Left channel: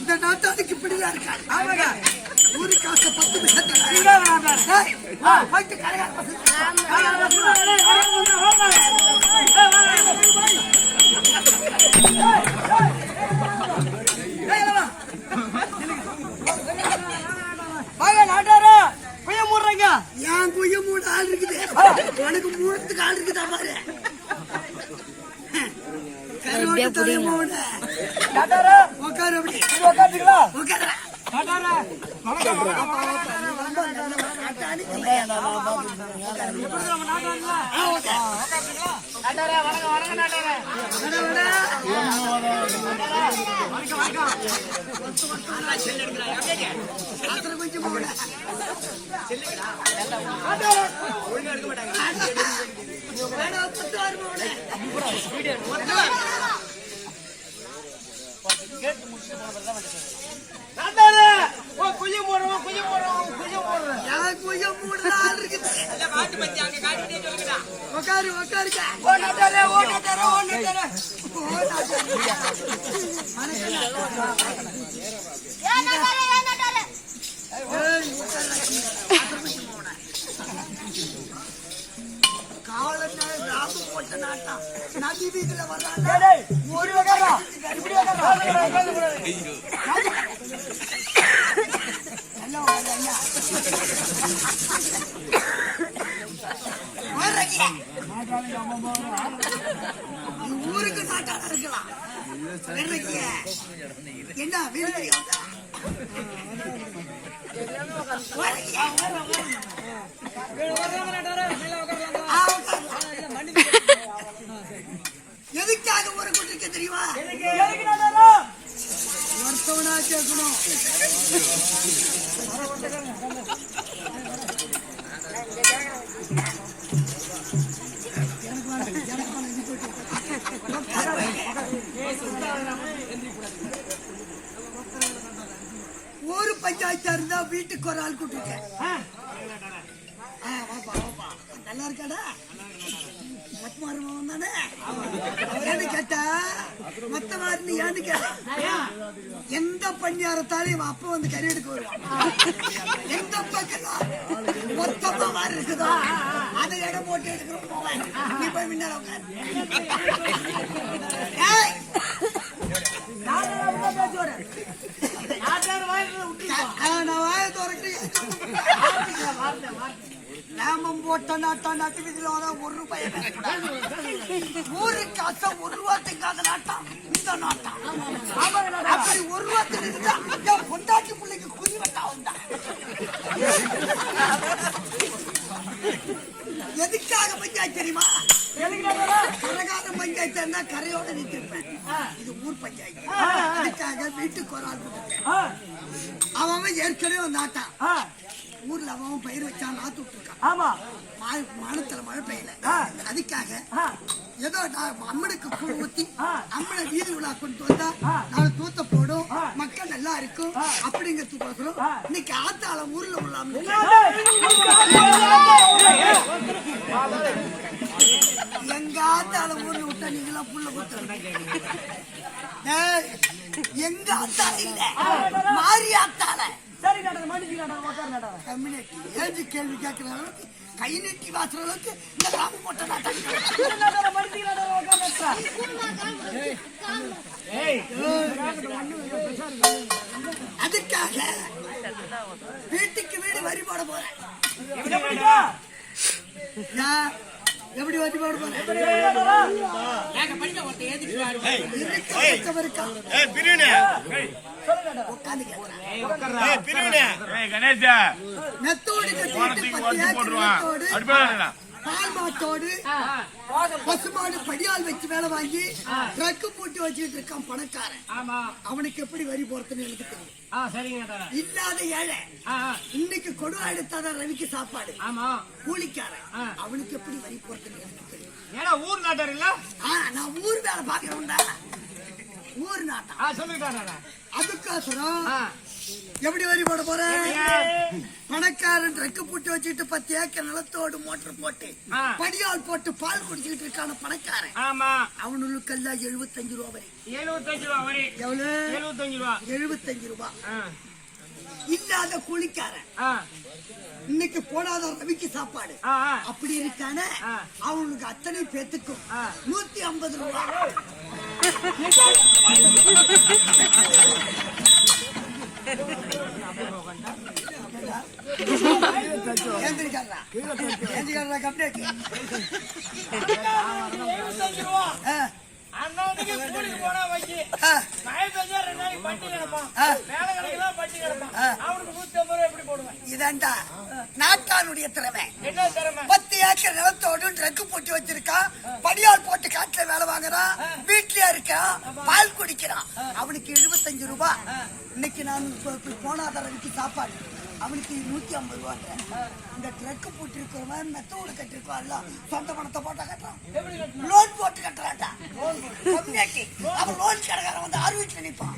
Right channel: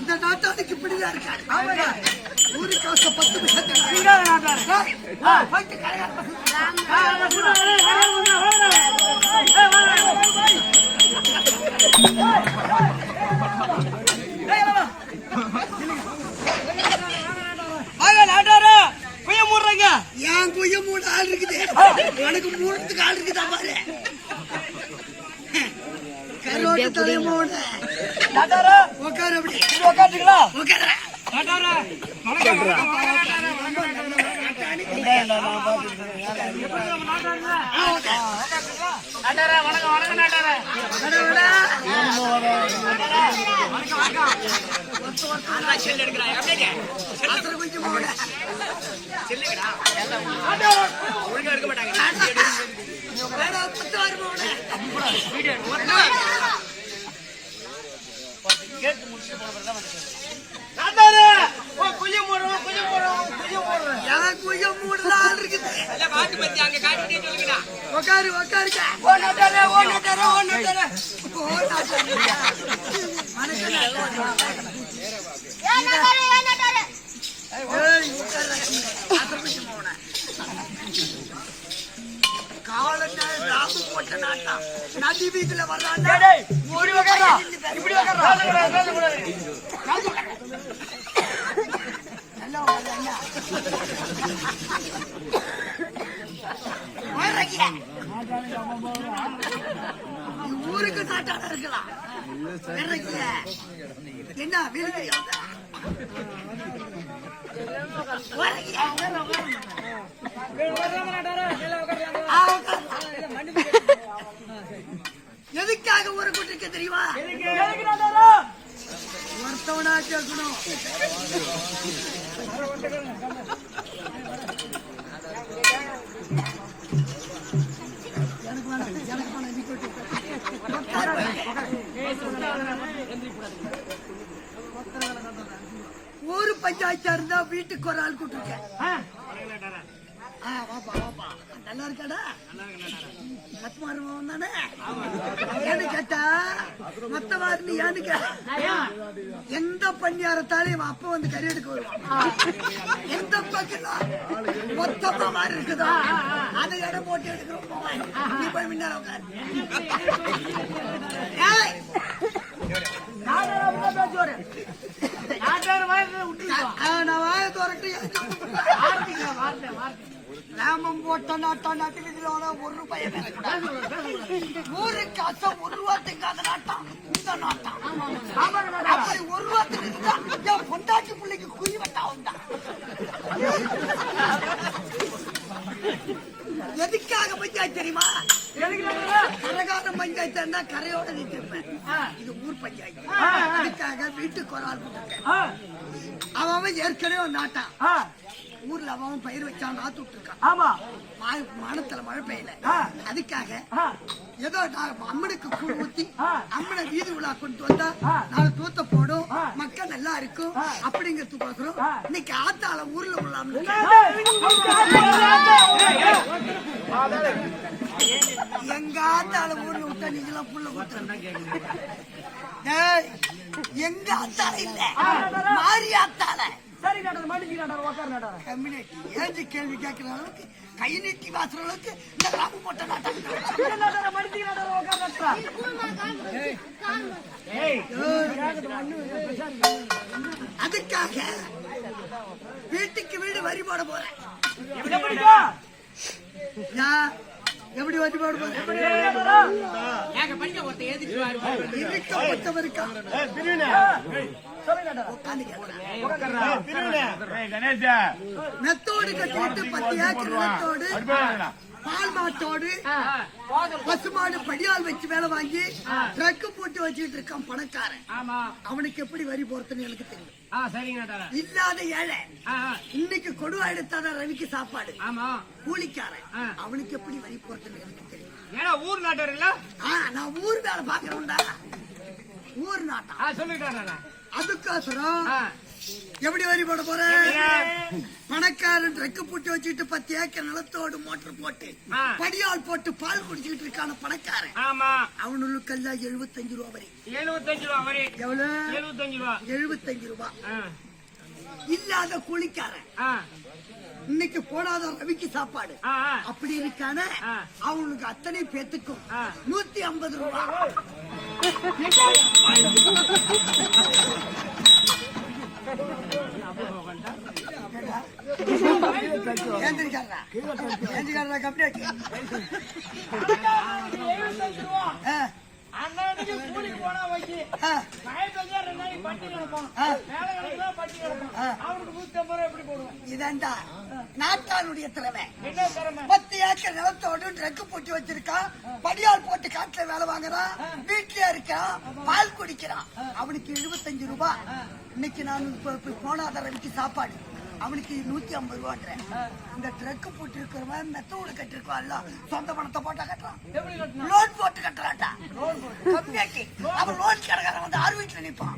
இந்த நாட்டாளுக்கு இப்படிதான் இருக்காரு. ஊரு காசு 10 உனக்கு மூணுத்துக்கு ஆள் இருக்குதா பாரு. கரோட்டு தலைமோன உட்காரு. அப்படி உட்காந்துங்களா? உட்கார. கொஞ்சம் போட கேட்டு முடிச்சுட்டு போன பிறகு தான் வந்து உக்காரு உக்காருங்க. காலு போட்ட நாட்டம் நதி வீட்டுல வர்றாங்க. ஊருக்கு நாட்டாள இருக்கலாம். என்ன வீடு எதுக்காக ஒரு கூட்டிருக்க தெரியுமா? ஒருத்தவனா கேட்கணும். எனக்கு வேணாம் எனக்கு ஒரு பஞ்சாயத்தா இருந்தா வீட்டுக்கு ஒரு ஆள் கூட்டிருக்கேன். நல்லா இருக்காடா? மத்தமாருவன் தானே ஏன்னு கேட்டா மத்தமாரு ஏன்னு கேட்ட எந்த பணியாரத்தாலையும் அப்ப வந்து கறி எடுக்க வருவான். எந்த பக்கம் மொத்தமா மாறி இருக்குதோ அதை இடம் போட்டு எடுக்கிறோம். போவேன் நீ போய் முன்னால உட்காரு. நான் வாய திறக்கிறேன். ராமம் போட்ட நாட்டம் நாட்டு வீதியில ஒரு ரூபாய் பேசக்கூடாது. ஊரு காசை ஒரு ரூபாய்க்காத நாட்டம் இந்த நாட்டம். அப்படி ஒரு ரூபாய்க்கு இருந்தா என் பொண்டாட்டி பிள்ளைக்கு குறி வட்டா வந்தா. எதுக்காக பஞ்சாயத்து தெரியுமா? கரகாரம் பஞ்சாயத்து இருந்தா கரையோட நிறுத்திருப்பேன். இது ஊர் பஞ்சாயத்து. அதுக்காக வீட்டுக்கு ஒரு ஆள் போட்டுருக்கேன். அவன் ஏற்கனவே நாட்டான். ஊர்ல அவன் பயிர் வச்சான், நாத்து விட்டுருக்கான். ஆமா, மானத்துல மழை பெய்யல. அதுக்காக ஏதோ அம்மனுக்கு கூழ் ஊத்தி அம்மனை வீதி உலா கொண்டு வந்தா நாலு தூத்த போடும், மக்கள் நல்லா இருக்கும் அப்படிங்கிறதுக்கோசரம் இன்னைக்கு ஆத்தால ஊர்ல உள்ளாம எங்க ஆத்தால ஊர்ல விட்டா நீங்களா புள்ள கொடுத்த எங்க ஆத்தால இல்ல மாறி ஆத்தால. கம்யூனிட்டி கேள்வி கேட்கிற அளவுக்கு கை நீட்டி வாசுற அளவுக்கு இந்த ராமம் போட்ட நாட்டம். அதுக்காக வீட்டுக்கு வீடு வரி போட போறேன். எப்படி வரி போட போறேன்? மெத்தோடு கட்டிட்டு 10 ஏக்கர் மெத்தோடு பால் மாட்டோடு பசுமாடு படியால் வச்சு வேலை வாங்கி ட்ரக்கு போட்டு வச்சுட்டு இருக்கான் பணக்காரன். அவனுக்கு எப்படி வரி போறதுன்னு எனக்கு தெரியும். இல்லாத ஏழை இன்னைக்கு கொடுவா எடுத்தாதான் ரவிக்கு சாப்பாடு. கூலிக்காரன் அவனுக்கு எப்படி வரி போறதுன்னு எனக்கு தெரியும். ஊர் நாட்டார் இல்ல, நான் ஊர் வேலை பாக்குறேன்டா. ஊர் நாட்டம். அதுக்கோசரம் எப்படி வரி போட போறேன்? பணக்காரன் ரெக்கு போட்டு வச்சுட்டு 10 ஏக்கர் நிலத்தோடு மோட்டர் போட்டு படியால் போட்டு பால் குடிச்சிட்டு இருக்கான பணக்காரன். அவனுக்கு எல்லாம் 75 ரூபா வரி. 75 ரூபா வரி. எவ்வளவு? 75 ரூபா. இல்லாத கூலிக்காரன் இன்னைக்கு போடாத ரவிக்கு சாப்பாடு அப்படி இருக்கான அவனுக்கு அத்தனை பேத்துக்கும் 150 ரூபா. ஏஞ்சிக்காரா கம்ப்ளீட் அண்ணாக்கு கூலிக்கு போனா வச்சு மழை பெஞ்சா 2 நாளைக்கு பட்டி கிடப்பான், வேலை கிடைக்கலாம் பட்டி கிடப்பான். அவனுக்கு 150 ரூபாய் எப்படி போடுவேன்? இதாண்டா நாட்டானுடைய திறமை. என்ன திறமை? 10 ஏக்கர் நிலத்தோடு ட்ரக்கு போட்டு வச்சிருக்கான், படியால் போட்டு காட்டுல வேலை வாங்குறான், வீட்லயே இருக்கான், பால் குடிக்கிறான். அவனுக்கு 75 ரூபாய். இன்னைக்கு நான் போனாதரவிக்கு சாப்பாடு அவனுக்கு 150 ரூபான்றேன். இந்த ட்ரக்கு போட்டு இருக்கிறவன் மெத்தோடு கட்டிருக்கான்ல, சொந்த பணத்தை போட்டா கட்டுறான், லோன் போட்டு கட்டுறான்டா. கம்மியாக்கி அவன் லோன் கடைக்காரன் வந்து 6 வீட்டுல நிப்பான்.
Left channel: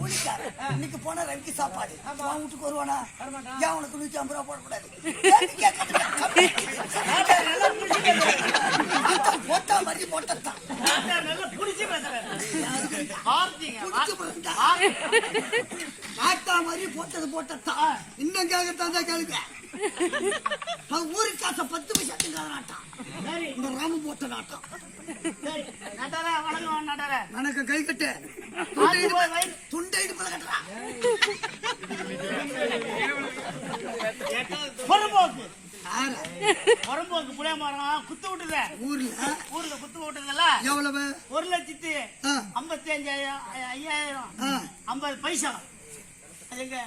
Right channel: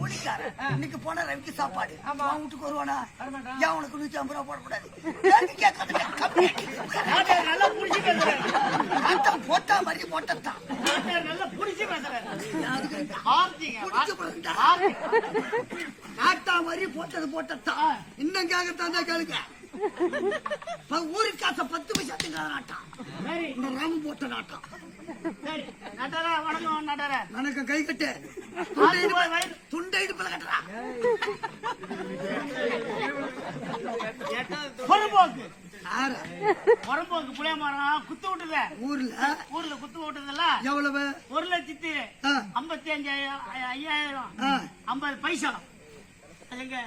கூலிக்காரன் இன்னைக்கு போன ரவிக்கு சாப்பாடு அவன் வீட்டுக்கு வருவானா? ஏன் உனக்கு 150 ரூபாய் போடக்கூடாது? போட்டா மாதிரி போட்டதான் நாட்டா மாதிரி போட்டது போட்டதான். இன்னும் கேட்கத்தான் கேளுங்க. ஊருக்கு காசை 10 பைசாத்துக்கு நாட்டம். இந்த ராமு போட்ட நாட்டம். வணக்கம். கை கட்டு. துண்டை இடுப்புல கட்டுறா. புறம்போக்கு புளிய மரம் குத்து விட்டுது ஊர்ல குத்து விட்டுதுல்ல. எவ்வளவு? 1,55,000 50 பைசா. அதுங்க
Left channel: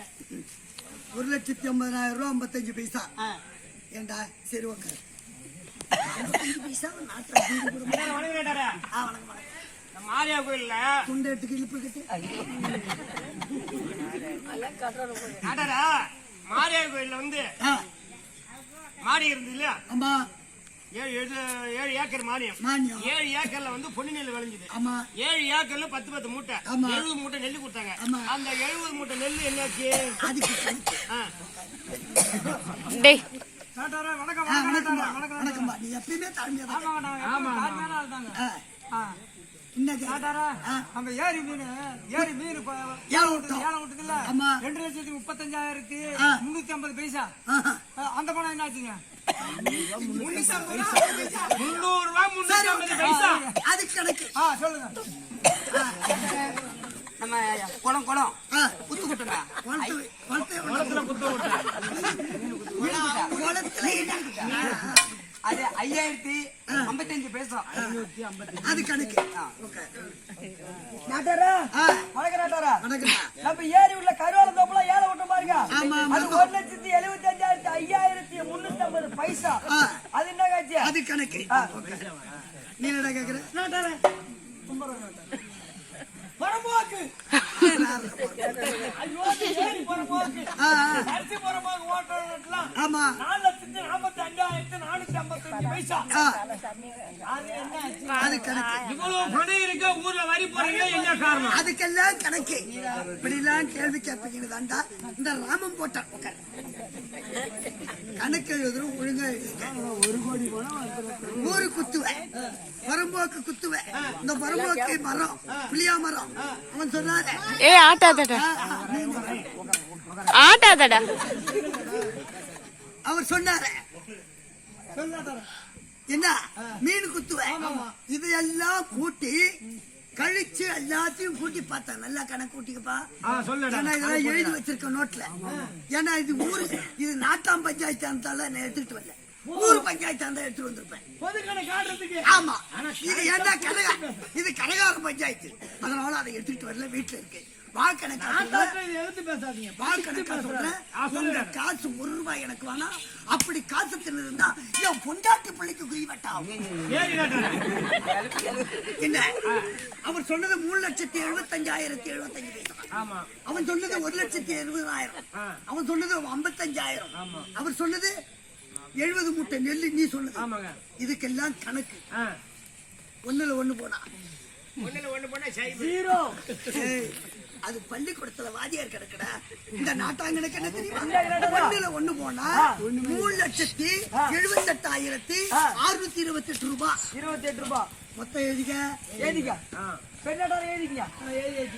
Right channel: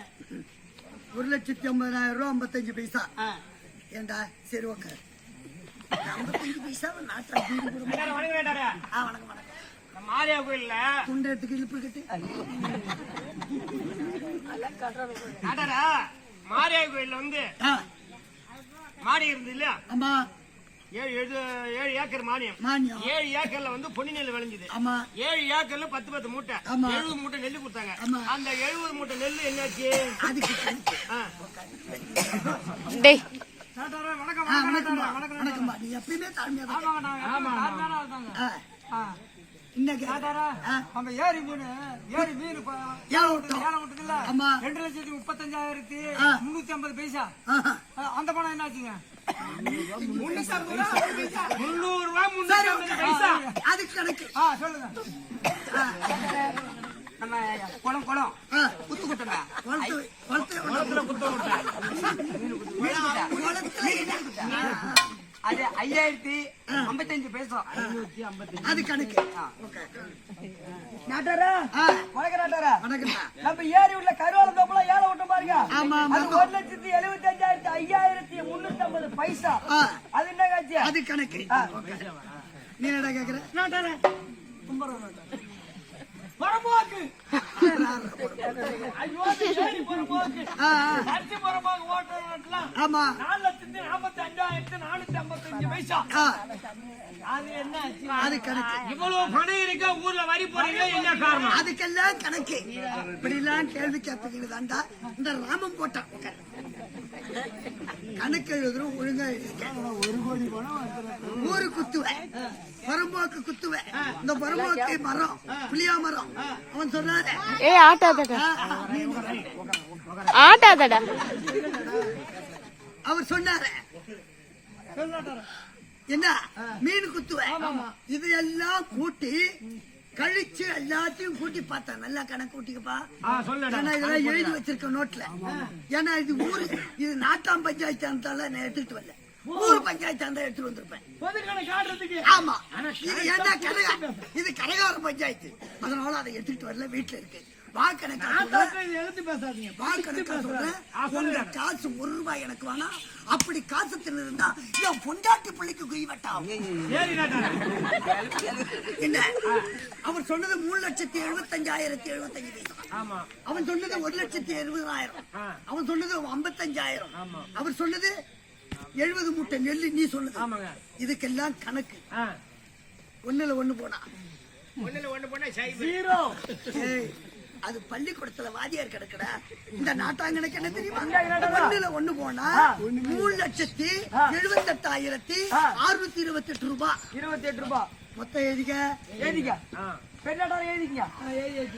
1,50,000 ரூபாய் 55 பைசா. ஏண்டா சரி ஓகே 55 பைசா நாட்டா. வணக்கம் வணக்கம். மாரியா கோயில்ல துண்டை எடுத்துக்கு இழுப்பு கட்டு. மாரியா கோயில்ல வந்து மாடி இருந்து இல்லையா? ஆமா. 7 ஏக்கர் மானியம். 7 ஏக்கர்ல வந்து பொன்னி நெல் விளைஞ்சது. 7 ஏக்கர்ல 10 மூட்டை 70 மூட்டை நெல்லு கொடுத்தாங்க. அந்த 70 மூட்டை நெல்லு என்னாச்சு? இன்னைக்கு அந்த ஏரி மீன் 2,35,350 பைசா. அந்த பணம் என்னாச்சுங்க? 300 ரூபாய் பைசா. அது கணக்கு. சொல்லுங்க. நம்ம குளம் குத்து விட்டுங்க. அது 5,055 பைசா. அது கணக்கு. நம்ம ஏரி உள்ள கருவால தோப்பெல்லாம் ஏழை விட்டு பாருங்க. அது 1,75,5,350 பைசா. அது என்ன காட்சி? அது கணக்கு. நீ என்ன கேக்குற? புறம்போக்கு அரிசி புறம்போக்கு ஓட்டுறதுலாம் 4,45,455 பைசா. அது என்ன? அது கணக்கு. இவ்வளவு பணம் இருக்க ஊர்ல வரி போறீங்க, என்ன காரணம்? அதுக்கெல்லாம் கணக்கு. இப்படி எல்லாம் கேள்வி கேட்பீங்க தாண்டா. இந்த ராமம் போட்டான் கணக்கு எழுதுறோம் ஒழுங்கா. ஊரு குத்துவேன், பரம்போக்கு குத்துவேன். இந்த பரம்போக்கு மரம் புளியா மரம். அவன் சொன்னாரு ஆட்டாதடா. அவர் சொன்னாரு என்ன மீன் குத்துவேன். இது எல்லாம் கூட்டி கழிச்சு எல்லாத்தையும் கூட்டி பார்த்தா நல்லா கணக்கு கூட்டிக்கப்பா. ஏன்னா இதெல்லாம் எழுதி வச்சிருக்க நோட்ல. ஏன்னா இது ஊரு, இது நாட்டாம் பஞ்சாயத்து இருந்தாலும் நான் எடுத்துட்டு வரல, ஊர் பஞ்சாயத்து இருந்தா எடுத்துட்டு வந்திருப்பேன். ஆமா, இது என்ன இது கடைகார பஞ்சாயத்து, அதனால அதை எடுத்துட்டு வரல, வீட்டுல இருக்கு. வாக்கணக்கா பேசாதீங்க. வாக்கணக்கா சொல்றேன். உங்க காசு 1 ரூபாய் எனக்கு வேணாம். அப்படி காசு தின்னு என் பொண்டாட்டி பிள்ளைக்கு குறி வெட்டாம். என்ன அவர் சொன்னது 3,75,075 பைசா. அவன் சொன்னது 1,70,70,000. அவன் சொன்னது 55,000. அவர் சொன்னது 70 மூட்டை நெல்லு. நீ சொன்னது இதுக்கெல்லாம் கணக்கு. 1ல 1 போனா 0. அது பள்ளிக்கூடத்துல வாதியார் கிடக்குடா. இந்த நாட்டாங்கனுக்கு என்ன தெரியுமா? 1ல 1 போனா 3,78,628 ரூபாய். 28 ரூபாய் மொத்தம்.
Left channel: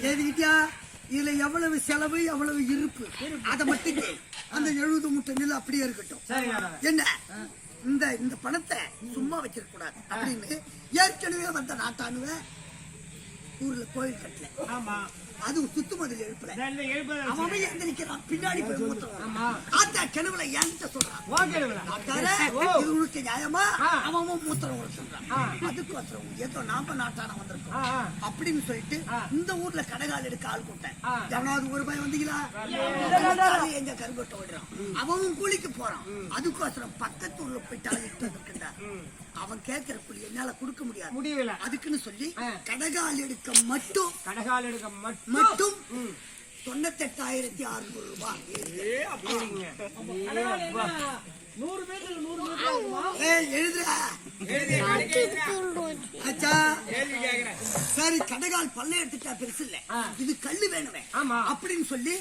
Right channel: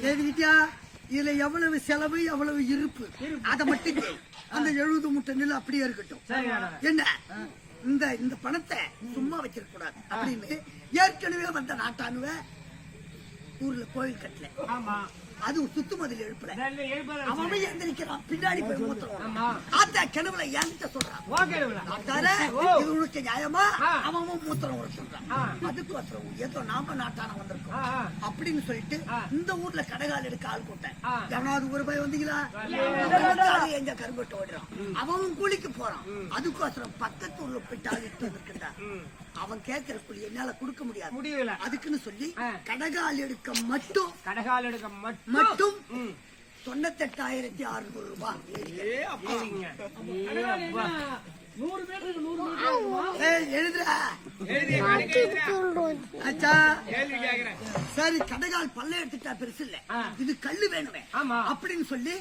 எழுதிக்கிட்டியா? இதுல எவ்வளவு செலவு எவ்வளவு இருப்பு அதை மட்டும் அந்த 70 மூட்டை நெல் அப்படியே இருக்கட்டும். என்ன இந்த பணத்தை சும்மா வச்சிருக்க கூடாது அப்படின்னு ஏற்கனவே வந்த நாட்டானுவ ஊர்ல கோயில் கட்டல. அது சுத்து மதில் எழுப்புல எழுப்ப அவன் எந்திரிக்கிறான் பின்னாடி போய் மூத்துறான் ஆத்தா கிணவுல என்கிட்ட சொல்றான் இது உனக்கு நியாயமா அவன் மூத்திரம் ஒரு சொல்றான் அதுக்கோசரம் ஏதோ நாம நாட்டான வந்திருக்கோம் அப்படின்னு சொல்லிட்டு இந்த ஊர்ல கடைகால் எடுக்க ஆள் கூட்டேன் எவனாவது ஒரு பய வந்தீங்களா எங்க கருங்கொட்டை ஓடுறான் அவன் கூலிக்கு போறான் அதுக்கோசரம் பக்கத்து ஊர்ல போயிட்டு ஆள் இட்டு வந்திருக்கா அவன் கேட்கிற கூலி என்னால கொடுக்க முடியாது அதுக்குன்னு சொல்லி கடைகால் எடுக்க மட்டும் 98,600 ரூபாய். சரி கடைகால் பல்ல எடுத்துட்டா பெருசு இல்ல இது கல்லு வேணுமே அப்படின்னு சொல்லி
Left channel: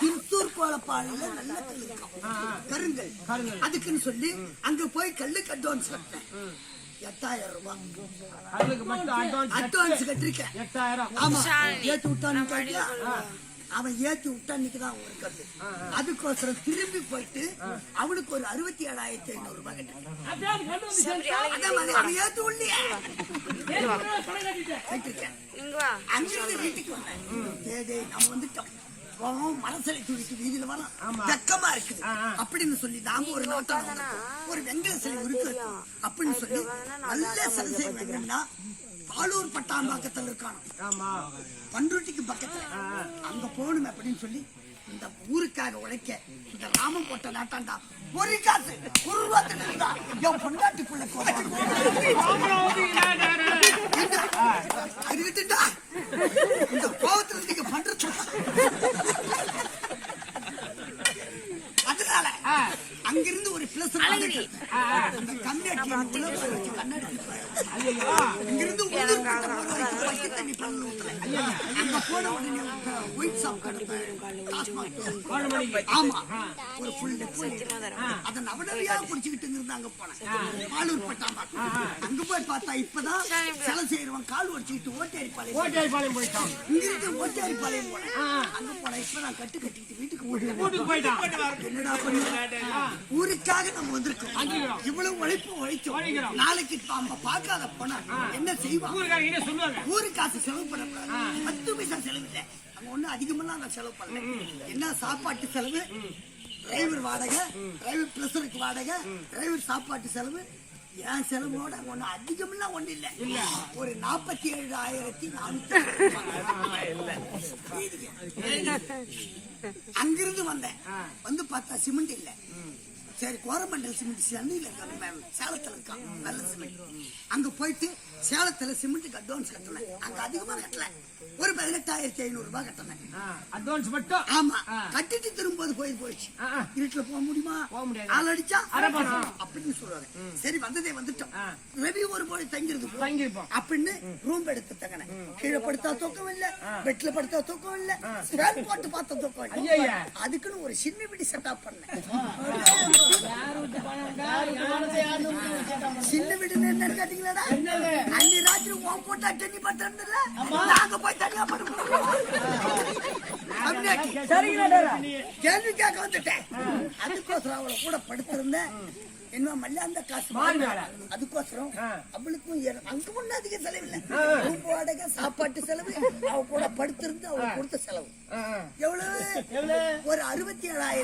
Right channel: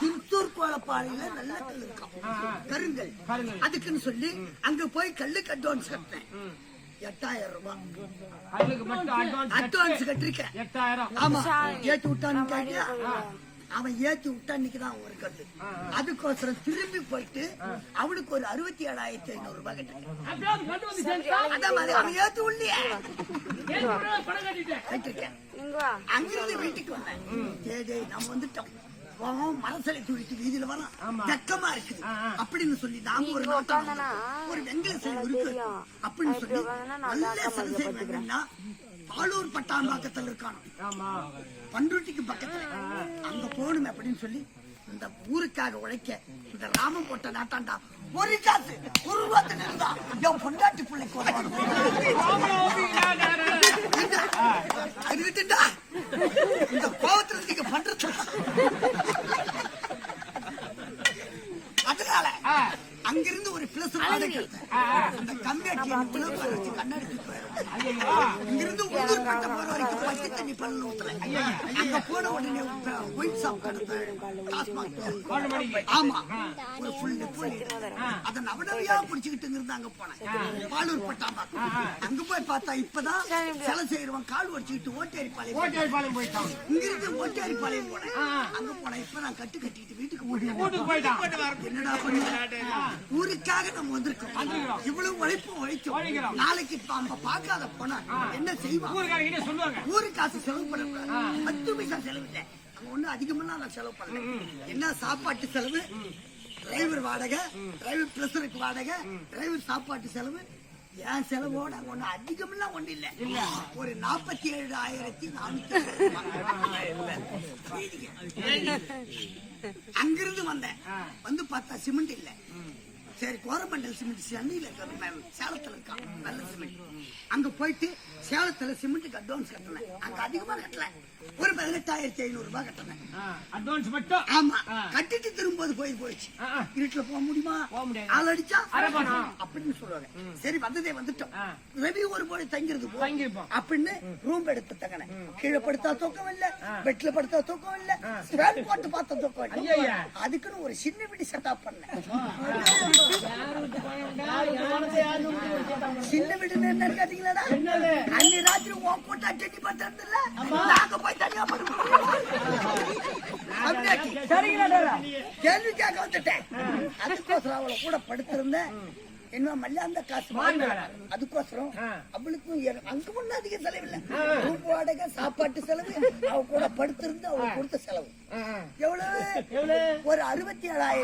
திருத்தூர் கோலப்பாளையில நல்ல கல்லு இருக்கும் கருங்கல் அதுக்குன்னு சொல்லி அங்க போய் கல்லுக்கு அட்வான்ஸ் கட்டினேன் 8,000 ரூபாய் அட்வான்ஸ் கட்டிருக்கேன். ஆமா ஏத்தி விட்டான்னு அவன் ஏத்தி விட்டா இன்னைக்குதான் ஒரு கல்லு அதுக்கோசரம் திரும்பி போயிட்டு அவனுக்கு ஒரு 67,500 ரூபாய் கட்டிருக்கேன். அவன் ஏத்தி உள்ளியே கட்டிருக்கேன். அங்கிருந்து வீட்டுக்கு வந்தேன். நம்ம வந்துட்டோம் மனசலை துடித்து வீதியில வரலாம் வெக்கமா இருக்குது அப்படின்னு சொல்லி நாம ஒரு நாட்டம் ஒரு வெங்கல சிலை இருக்கு அப்படின்னு சொல்லி நல்ல சிலை செய்வாங்கன்னா பாலூர் பட்டாம்பாக்கத்துல இருக்கானோ பண்ருட்டிக்கு பக்கத்துல அங்க போகணும் அப்படின்னு சொல்லி இந்த ஊருக்காக உழைக்க இந்த ராமம் போட்ட நாட்டாண்டா ஒரு காசு ஒரு ரூபாய் இருந்தா என் பொண்டாட்டி பிள்ளைக்கு அதுக்கிட்டா இந்த கோபத்துல நீங்க பண்றது அதனால அங்கிருந்து ஒரு பிளஸ் அந்த கம்யூனிட்டி கண்ணாடி இங்கிருந்து ஊர்பட்ட போற வரைக்கும் பச்சை தண்ணி பல்ல ஊத்தல அங்க போன உடனே ஒயிட் சாப் ஆமா ஒரு ஃபுல் அத நவடவியா குடிச்சுக்கிட்டு இருந்து அங்க போனேன் பாலூர் பட்டாம்பாக்கம் அங்க போய் பார்த்தா இப்பதான் சிலை செய்யறவன் கால் வச்சுக்கிட்டு ஓட்டேரிப்பாளையம் போயிட்டான் இங்கிருந்து ஓட்டேரிப்பாளையம் போனேன் அங்க போனேன் இப்ப நான் கட்டு கட்டிக்கிட்டு வீட்டுக்கு போயிட்டேன் என்னடா பண்ண ஊருக்காக நம்ம வந்திருக்கோம் இவ்வளவு உழைச்சோம் நாளைக்கு பார்க்காத போனா என்ன செய்வாங்க ஊரு காசு செலவு பண்ண 10 பைசா செலவு இல்லை அங்க ஒண்ணு அதிகமெல்லாம் நான் செலவு பண்ணல என்ன சாப்பாட்டு செலவு டிரைவர் வாடகை டிரைவர் பிளஸருக்கு வாடகை டிரைவர் சாப்பாட்டு செலவு என் செலவோட அங்க ஒண்ணு அதிகமெல்லாம் ஒண்ணு இல்ல ஒரு 47,400 அங்கிருந்து வந்தேன் வந்து பார்த்தா சிமெண்ட் இல்ல சரி கோரமண்டல் சிமெண்ட் சென்னையில சேலத்துல இருக்கான் நல்ல சிமெண்ட் அங்க போயிட்டு சேலத்துல சிமெண்ட்டுக்கு அட்வான்ஸ் கட்டினேன் அங்க அதிகமா கட்டல ஒரு 18,500 ரூபாய் கட்டினேன் அட்வான்ஸ் மட்டும் ஆமா கட்டிட்டு திரும்ப போயிடுச்சு வீட்டுல போக முடியுமா ஆள் அடிச்சா அப்படின்னு சொல்லுவாங்க சரி வந்ததே வந்துட்டோம் ரவி ஒரு போய் தங்கிருப்போம் அப்படின்னு ரூம் எடுத்து தங்கினேன் கீழே படுத்தா தூக்கம் இல்ல பெட்ல படுத்தா தூக்கம் இல்ல ஃபேன் போட்டு பார்த்தா தூக்கம் இல்ல அதுக்குன்னு ஒரு சின்ன வீடு செட்டப் பண்ணேன் சின்ன வீடு என்னன்னு கேட்டீங்களா அன்னி ராத்திரி ஓம் போட்டா டென்னி பார்த்தா நாங்க போய் தனியா கேள்வி கேட்க வந்துட்டேன் அதுக்கோசரம் அவளை கூட படுத்திருந்தேன் என்ன மல்லாந்த காசு அதுக்கோசரம் அவளுக்கும் அங்க ஒண்ணு அதிக செலவு இல்ல ரூம் வாடகை சாப்பாட்டு செலவு அவ கூட படுத்திருந்து அவ கொடுத்த செலவு எவ்வளவு ஒரு 67,000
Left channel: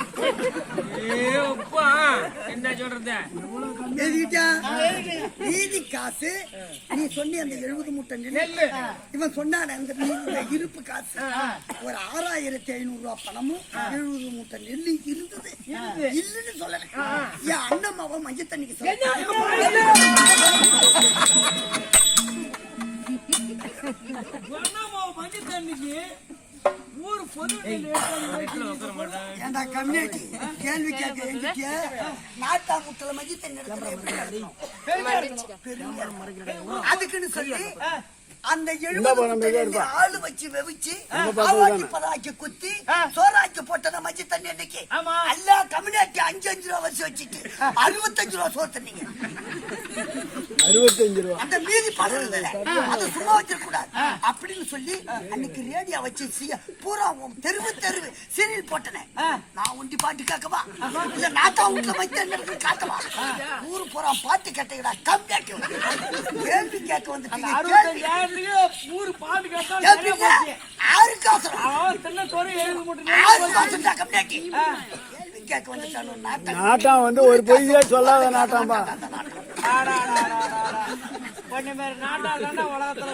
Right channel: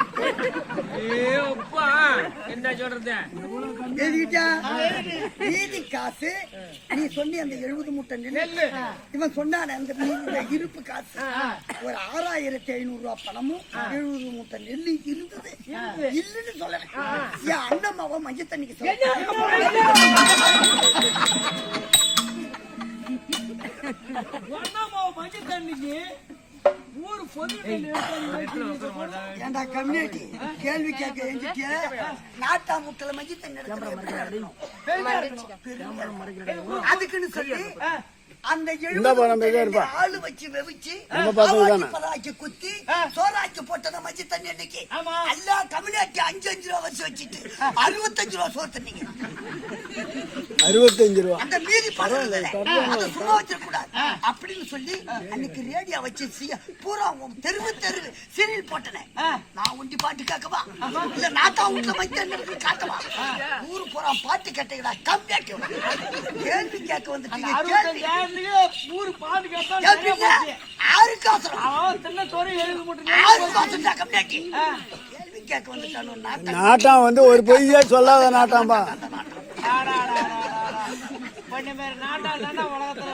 என்ன சொல்றது எழுதிட்டா மீதி காசு நீ சொன்னி அந்த 70 மூட்டை நெல்லு இவன் சொன்னான அந்த இருப்பு காசு ஒரு 6,500 ரூபாய் பணமும் 70 மூட்டை நெல்லு இருந்தது இல்லன்னு சொல்லல என் அண்ணன் அவன் மஞ்சள் தண்ணிக்கு மஞ்சள் தண்ணிக்கு ஊர் பொது ஏண்டா கம்யூனிட்டி கேள்வி கேட்க எங்கிட்ட நாட்டா முட்டல மஞ்சள் தண்ணி அதுக்குன்னு சொல்லி அந்த 70 ஆளு வச்சு வெவிச்சு பதாக்கி குத்தி சோறாக்கி போட்ட மஞ்சள் தண்ணி அன்னைக்கு எல்லா கம்யூனிட்டி 5 ரூபா வச்சு வச்சுட்டு 65 ரூபா சோறு தண்ணீங்க 65 ரூபா அந்த மீதி பணம் அதை சும்மா வச்சிடக்கூடாது அப்படின்னு சொல்லி அன்னைக்கு ரேடியோ வச்சு பூரா தெருவு சீரியல் போட்டனே நான் ஒண்டி பாட்டு கேட்கவா இல்ல நாட்டா வீட்டுல மஞ்சள் காட்டவா ஊரு பூரா பாட்டு கேட்டீங்களா கம்மியாக்கி கேள்வி கேட்க வந்துட்டீங்க ஊரு பாட்டு கேட்டா கேள்வி கேட்க வந்துட்டானு நாட்டம் வந்து ஒரு பொய்யே சொல்லாத நாட்டாம்பா. பண்ண மாதிரி நாட்டா தாண்டா உலகத்துல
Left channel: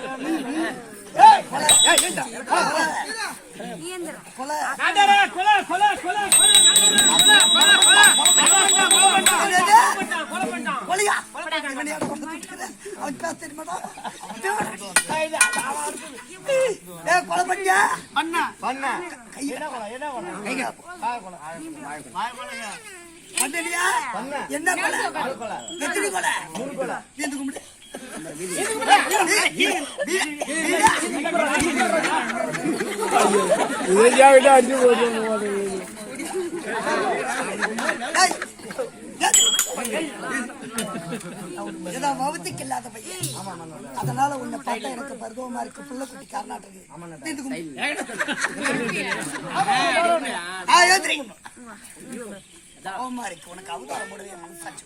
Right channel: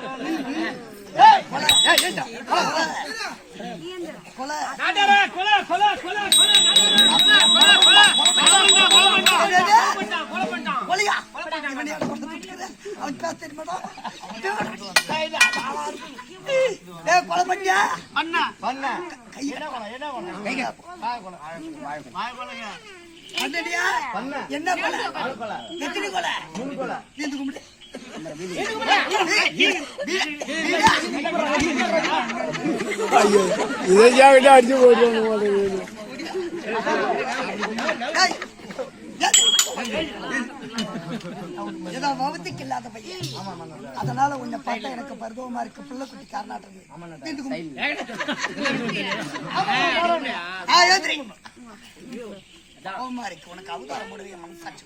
கொலை பண்ணியா என்ன கொலை எத்தனை கொலை எந்த கும்பிடு இதை அடிச்சு போட்டு ஏதோ வவுத்துக்கு இல்லாத பையன், அதனால உன்னை பார்த்தா எனக்கு பருவமா இருக்கு. புள்ள குட்டி காரணாட்டு இருக்கு. உனக்கு அவதாரம் போடவே மனசாட்சி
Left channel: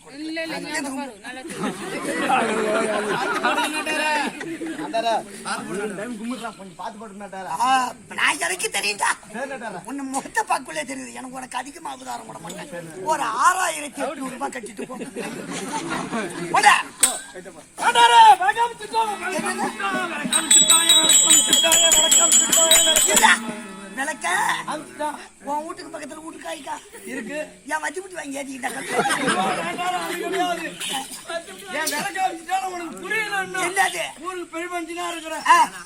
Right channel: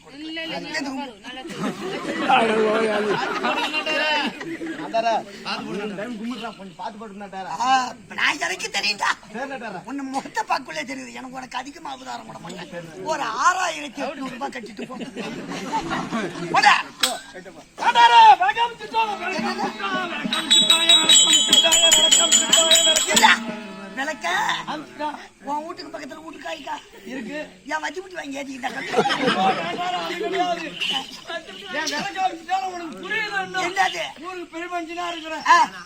எனக்கு தெரியுதா? உன்னை முகத்தை பார்க்கலே தெரியுது. எனக்கு உனக்கு அதிகமா அவதாரம் போட மாட்டேன். ஒரு 6800 ரூபாய் கட்டிட்டு போ. விளக்க உன் வீட்டுக்கு பக்கத்துல வீட்டுக்காரிக்கா இருக்கு. என் வச்சு விட்டு வாங்கி ஏற்றிக்கிட்டா என்னது ஊருக்கு பெருமஞ்சினா இருக்கிற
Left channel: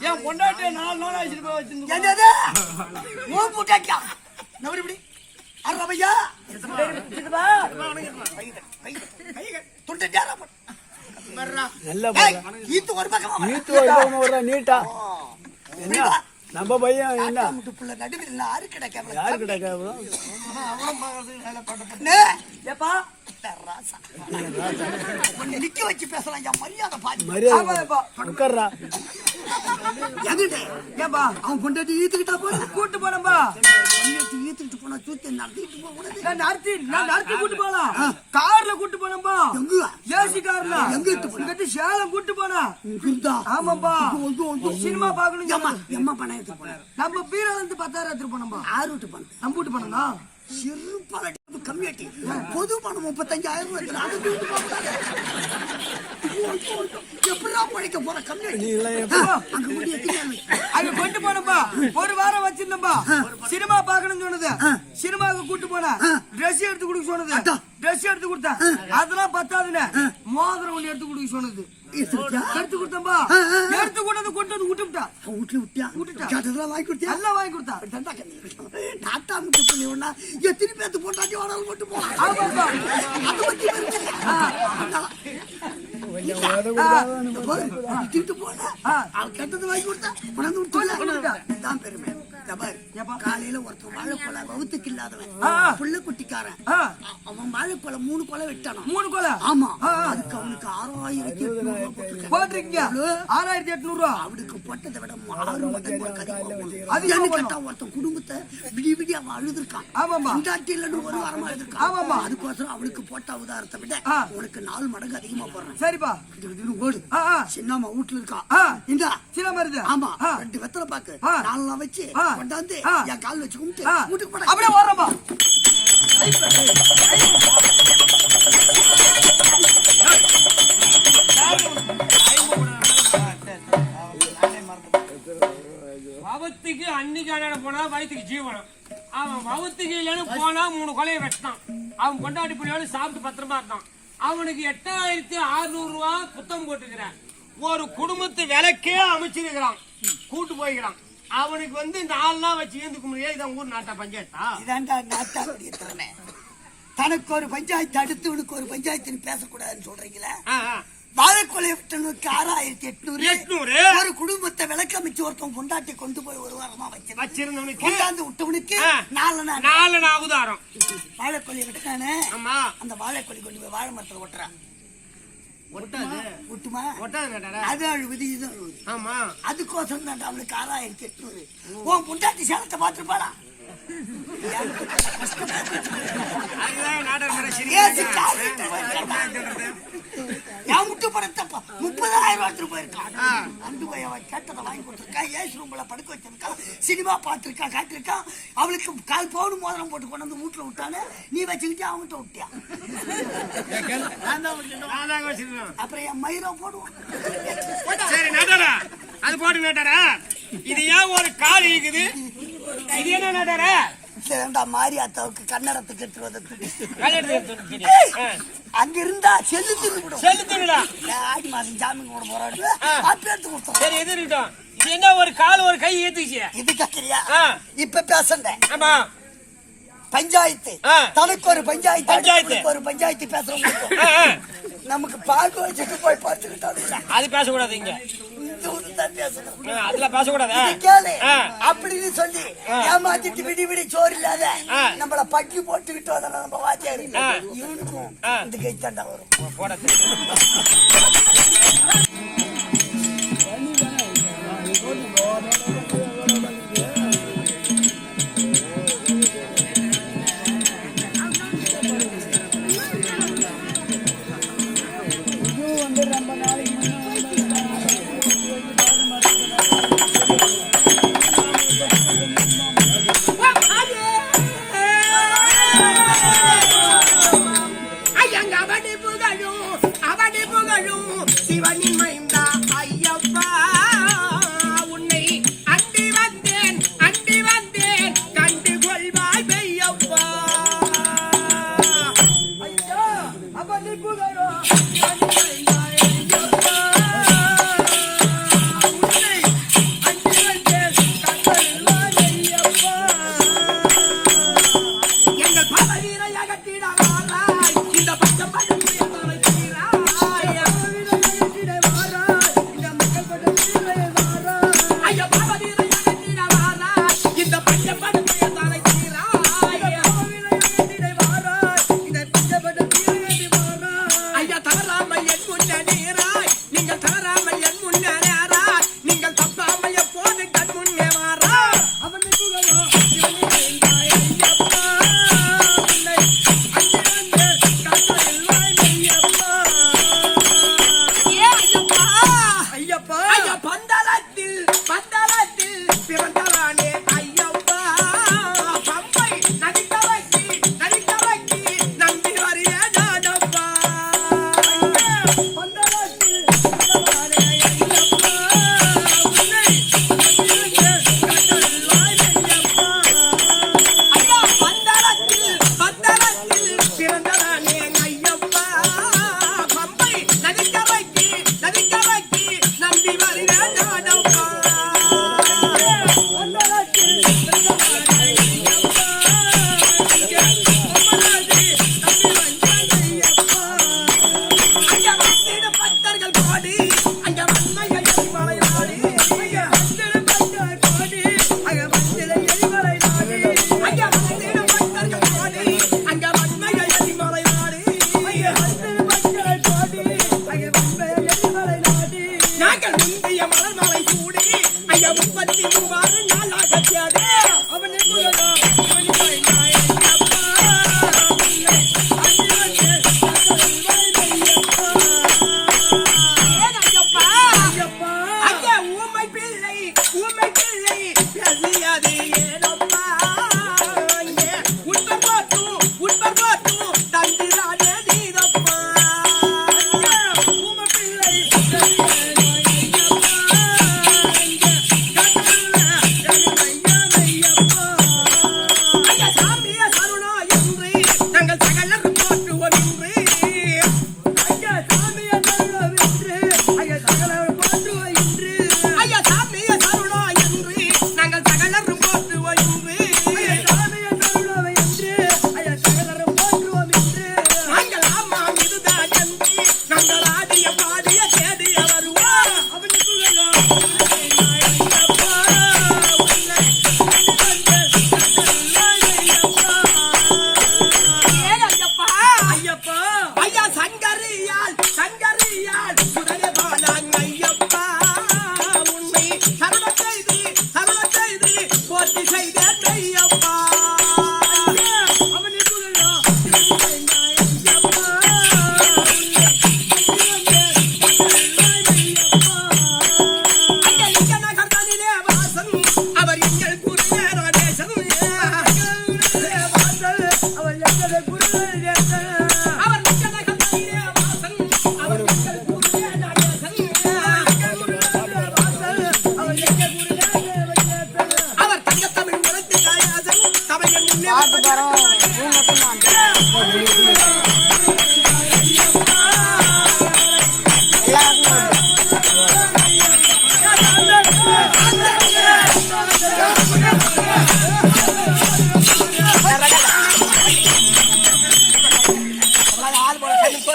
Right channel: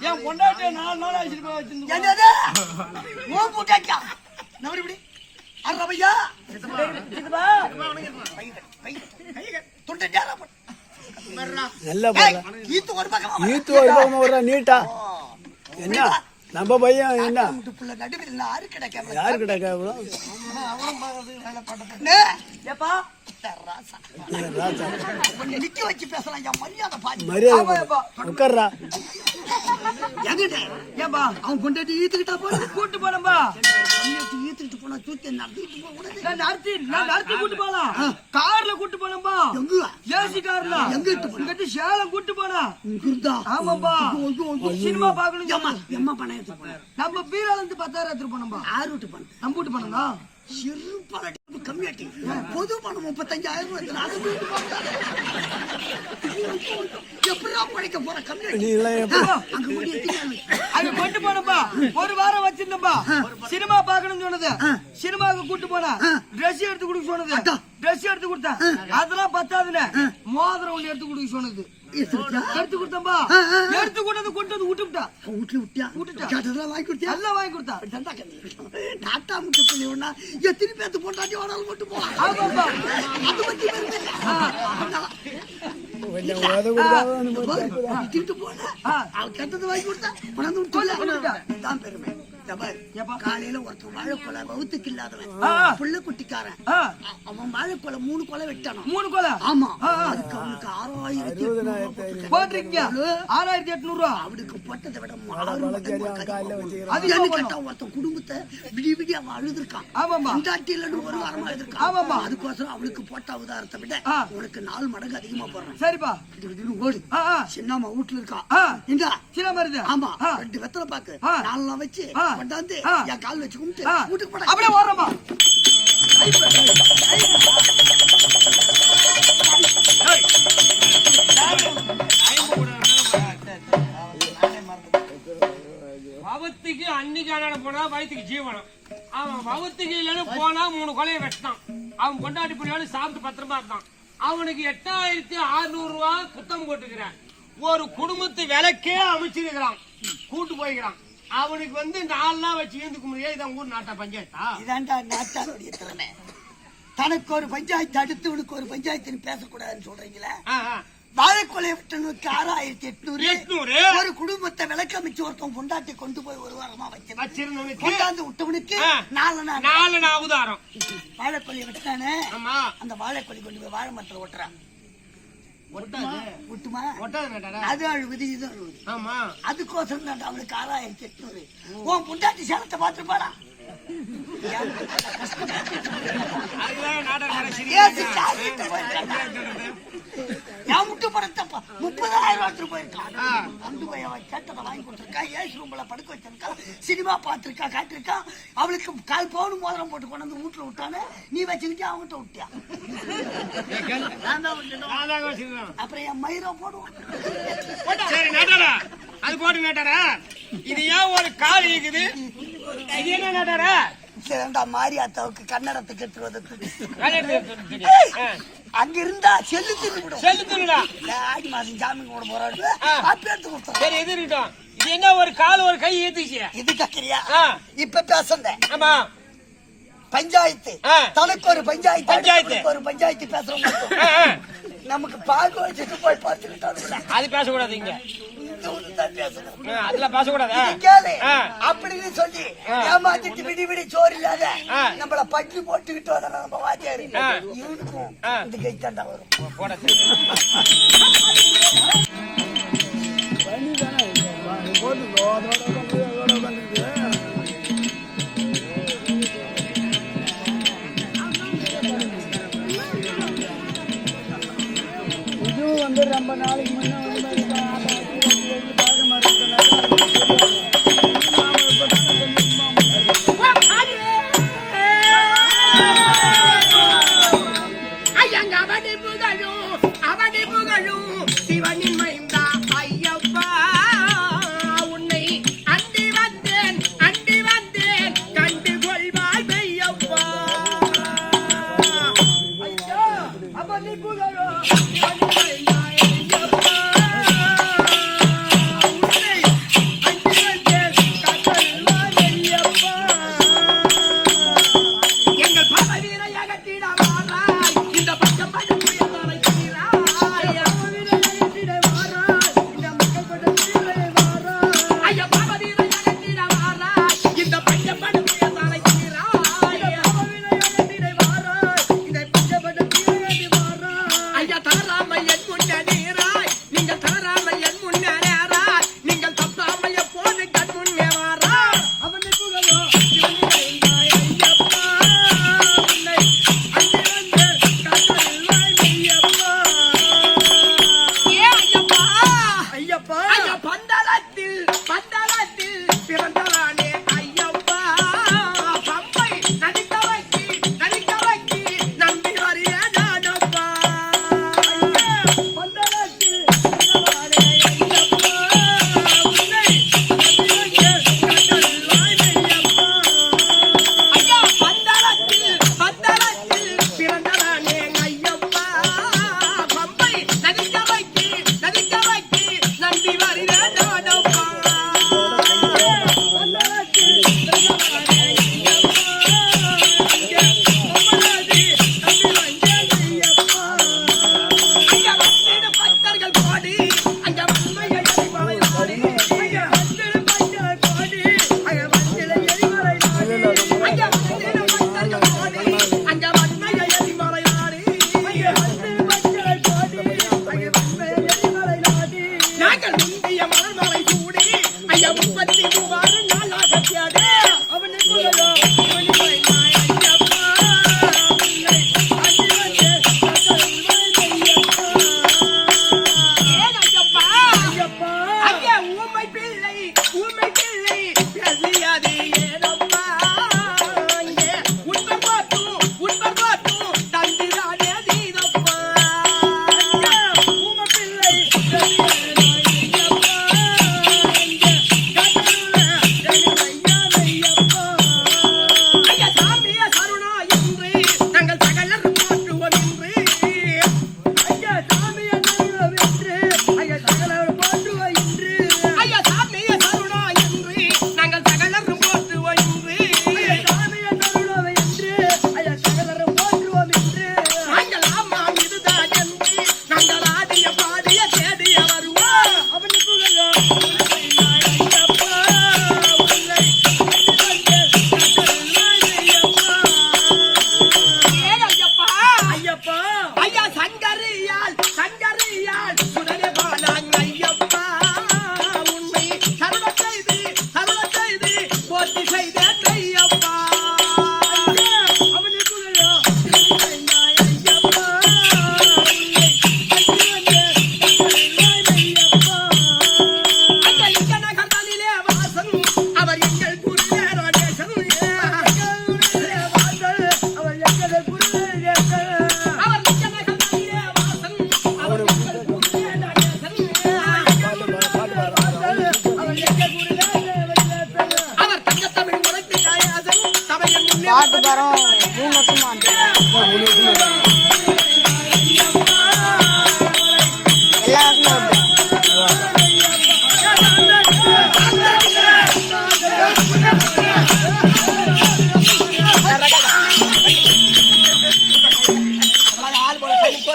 என் பொண்டாட்டிய 4 நாள் ஆயிடுச்சு போய் வச்சிருந்து என்னது ஓ பூட்டாக்கா நவரிபடி அரையா துண்டு ஒரு பக்கம் நீட்டா என்ன நம்ம பையன் என்ன நடுவில் யாரு கிடைக்காம நிக்க வச்சு பேசலாம். மரியாதை உட்கார்றா. ஏன்பா அவன் கொண்டாட்டி ஈத்துக்கிட்டா போல கூட்டு போனப்பா ஈத்துக்கிட்டு போனா தூக்கி நடத்திட்டு போக கூடாது. நடத்தி கூட்டு போலாம். கார்ல கூட்டு போனப்பா. எங்க ஏசி கார்ல எங்க இட்டு சேலம் கூட்டு போனா. ஆமாப்பா சினிமா பாக்கணும். எம்மா பணம் எடுத்து போனாரு. நம்ம பீரால இருந்து 10,000 எடுத்து போனோம்பா. 6 வீட்டு பணம் நம்ம வீட்டு பணம் தான். சிறு பல கம்மியாட்டி பொது பணம் 35,000 ரூபாய். அதை தூக்கிட்டு போக எப்படா பழைக்க போற கம்மியாட்டி அங்க கொண்டு போனப்பா. ஒரு வாரம் வச்சிருந்தப்பா. சினிமா பாக்கணும்னு சொன்னது. சினிமாவுக்கு கூட்டு போனா ட்ரெஸ் எடுத்து கொடுக்க சொன்னது. ட்ரெஸ் எடுத்து கொடுத்தா அதெல்லாம் பத்தாதுன்னு மோதிரம் ஒண்ணு எடுத்து கொடுக்க சொன்னது. எடுத்து கொடுத்தம்பா. எடுத்து கொண்டது கொண்டு வந்து விட்டுட்டா. விட்டுட்டா வாங்கி கொடுத்தா. எல்லாம் வாங்கி கொடுத்தா. நாட்டா முட்டு பண்ணி ஒண்ணா எத்தனை பேத்து போட்டாட்டி வாடாலும் கொண்டு போலாம். அது பத்தி கெட்டது வாங்கி கொடுத்தா தான் பெருமை. காலையில ஒருத்தன் வாழைப்பழ வவுத்துக்கு இல்லாதவன் புள்ள குட்டிக்காரன். அவன் வாழைப்பழ 3 கொலை வெட்டானோ. 3 கொலை. ஆமா. அதுக்கு அவனுக்கு 6,800 போட்டிருக்கீங்க. 6,800 ரூபாய் அவனுக்கு போட்டதை விட 6 மடங்கு அது என்ன கேட்டா ஒருத்தன் குடும்பத்தை விடி அவன் அழுதுருக்கான். ஆமாமா இந்தாட்டிலன்னு ஒரு வாரமா அழுதுருக்கான். ஆமாமா அதுக்கோசரம் அவனுக்கு போட்ட அவதாரத்தை விட உனக்கு 4 மடங்கு அதிகமா போடுறான். சரிப்பா ஓடு. சின்னம்மா வீட்டுல இருக்கா. இந்த சின்ன மருது. ஆமா 2 வெத்தலை பாக்கு 4 நாள் வச்சு கொண்டாந்து என் கால் வச்சு கும்பிட்டு வீட்டுக்கு போட அப்படியே ஓடுறப்பா. வவுத்துக்கு அன்னைக்கு அண்ணன் போனா வயிற்றுக்கு ஜீவனம். அவன் வவுத்துக்கு இல்லைன்னு போனா 3 கொலையை வெட்டான். அவன் கொண்டாடி பிள்ளையோடு சாப்பிட்டு பத்திரமா இருந்தான். அவனுக்கு 8,600 ரூபாய் புத்தம் போட்டுக்கிறான். ஒரு குடும்பத்து விலைக்கே அமைச்சிருக்கிறான். கூட்டு போய்க்கிறான். அவனுக்கு வந்து 4 நாள் வச்சு ஏந்துக்க முடியாது. இதான் ஊர் நாட்டா பஞ்சாயத்தா? இதாண்டா நாட்டாளுடைய திறமை. தனக்கு ஒரு பஞ்சாயத்து அடுத்து உனக்கு ஒரு பஞ்சாயத்து பேசக்கூடாதுன்னு சொல்றீங்களா? வாழைக்கொலை விட்டனுக்கு 6,800. ஒரு குடும்பத்தை விளக்கமைச்சு ஒருத்தன் கொண்டாட்டி கொண்டு போய் ஒரு வாரமா வச்சிருந்தவனுக்கு கொண்டாந்து விட்டவனுக்கு 4 அவதாரம். வாழைக்கொலை விட்டானே அந்த வாழைக்கொலை கொண்டு போய் வாழை மரத்துல ஒட்டுறான். ஒட்டுமா அது அழுவுது இது அழுவுது. ஆமா அதுக்கோசரம் தான் அவனுக்கு 6,800. உன் பொண்டாட்டி சேலத்தை பார்த்துருப்பாடா. நான் முட்டு படத்தப்ப 30,000 ரூபாய் போயிருக்கான். கொண்டு போய் அவன் கேட்டதை வாங்கி கொடுத்துருக்கா. ஏசி ரூம்ல படுக்க வச்சிருக்கா. சினிமா பார்த்திருக்கா, காட்டிருக்கா. அவளுக்கு கால் பவுன் மோதிரம் போட்டு கொண்டு வந்து வீட்டுல விட்டானு நீ வச்சுக்கிட்டே அவங்ககிட்ட விட்டியா? அப்புறம் என் மயிரம் போடுவான். சரி நட்டாரா, அது போட்டு நட்டாரா. இது ஏன் ஒரு கால் இருக்குது? இது என்ன நட்டாரா? மாறி அத்தாவுக்கு கன்னடத்துக்கு எடுத்துட்டு அங்க இருந்தா செல்லு தின்னு செல்லு தின்னுடா. ஆடி மாசம் ஜாமீன் கூட போறாரு. அப்ப எடுத்து கொடுத்தோம். சரி எது இருக்கட்டும். இது என்ன ஒரு கால் ஒரு கை ஏத்துச்சு? இது கேக்குறியா? இப்ப பேசந்த ஆமா பஞ்சாயத்து தனக்கு ஒரு பஞ்சாயத்து ஒரு பஞ்சாயத்து பேசுறோம். நமக்கு பார்க்க வச்சுட்டு போய் பார்த்துக்கிட்டாங்க. அது பேசக்கூடாது. இங்க பேசணும். அதுல பேசக்கூடாது. கேளு அப்படின்னு சொல்லி ஏமாத்திட்டு விடி விடி சோறு இல்லாத நம்மள பட்டி போட்டுக்கிட்டு வர நம்ம வாத்தியாரு இவனுக்கும் இந்த கைத்தாண்டா வரும். போட ரொம்ப நாளைக்கு அவனை புகழும் சிவனின் மைந்தா ஐயப்பா, உன்னை அண்டி வந்தேன் கண்டு கொள்வாய் மெய்யப்பா. ஐயா அவனை புகழும் சிவனின் மைந்தா ஐயப்பா, உன்னை அண்டி வந்தேன் கண்டு கொள்வாய் மெய்யப்பா. எங்கள் பல வீரை அகற்றிட வாராய் இந்த பச்சம் பழம்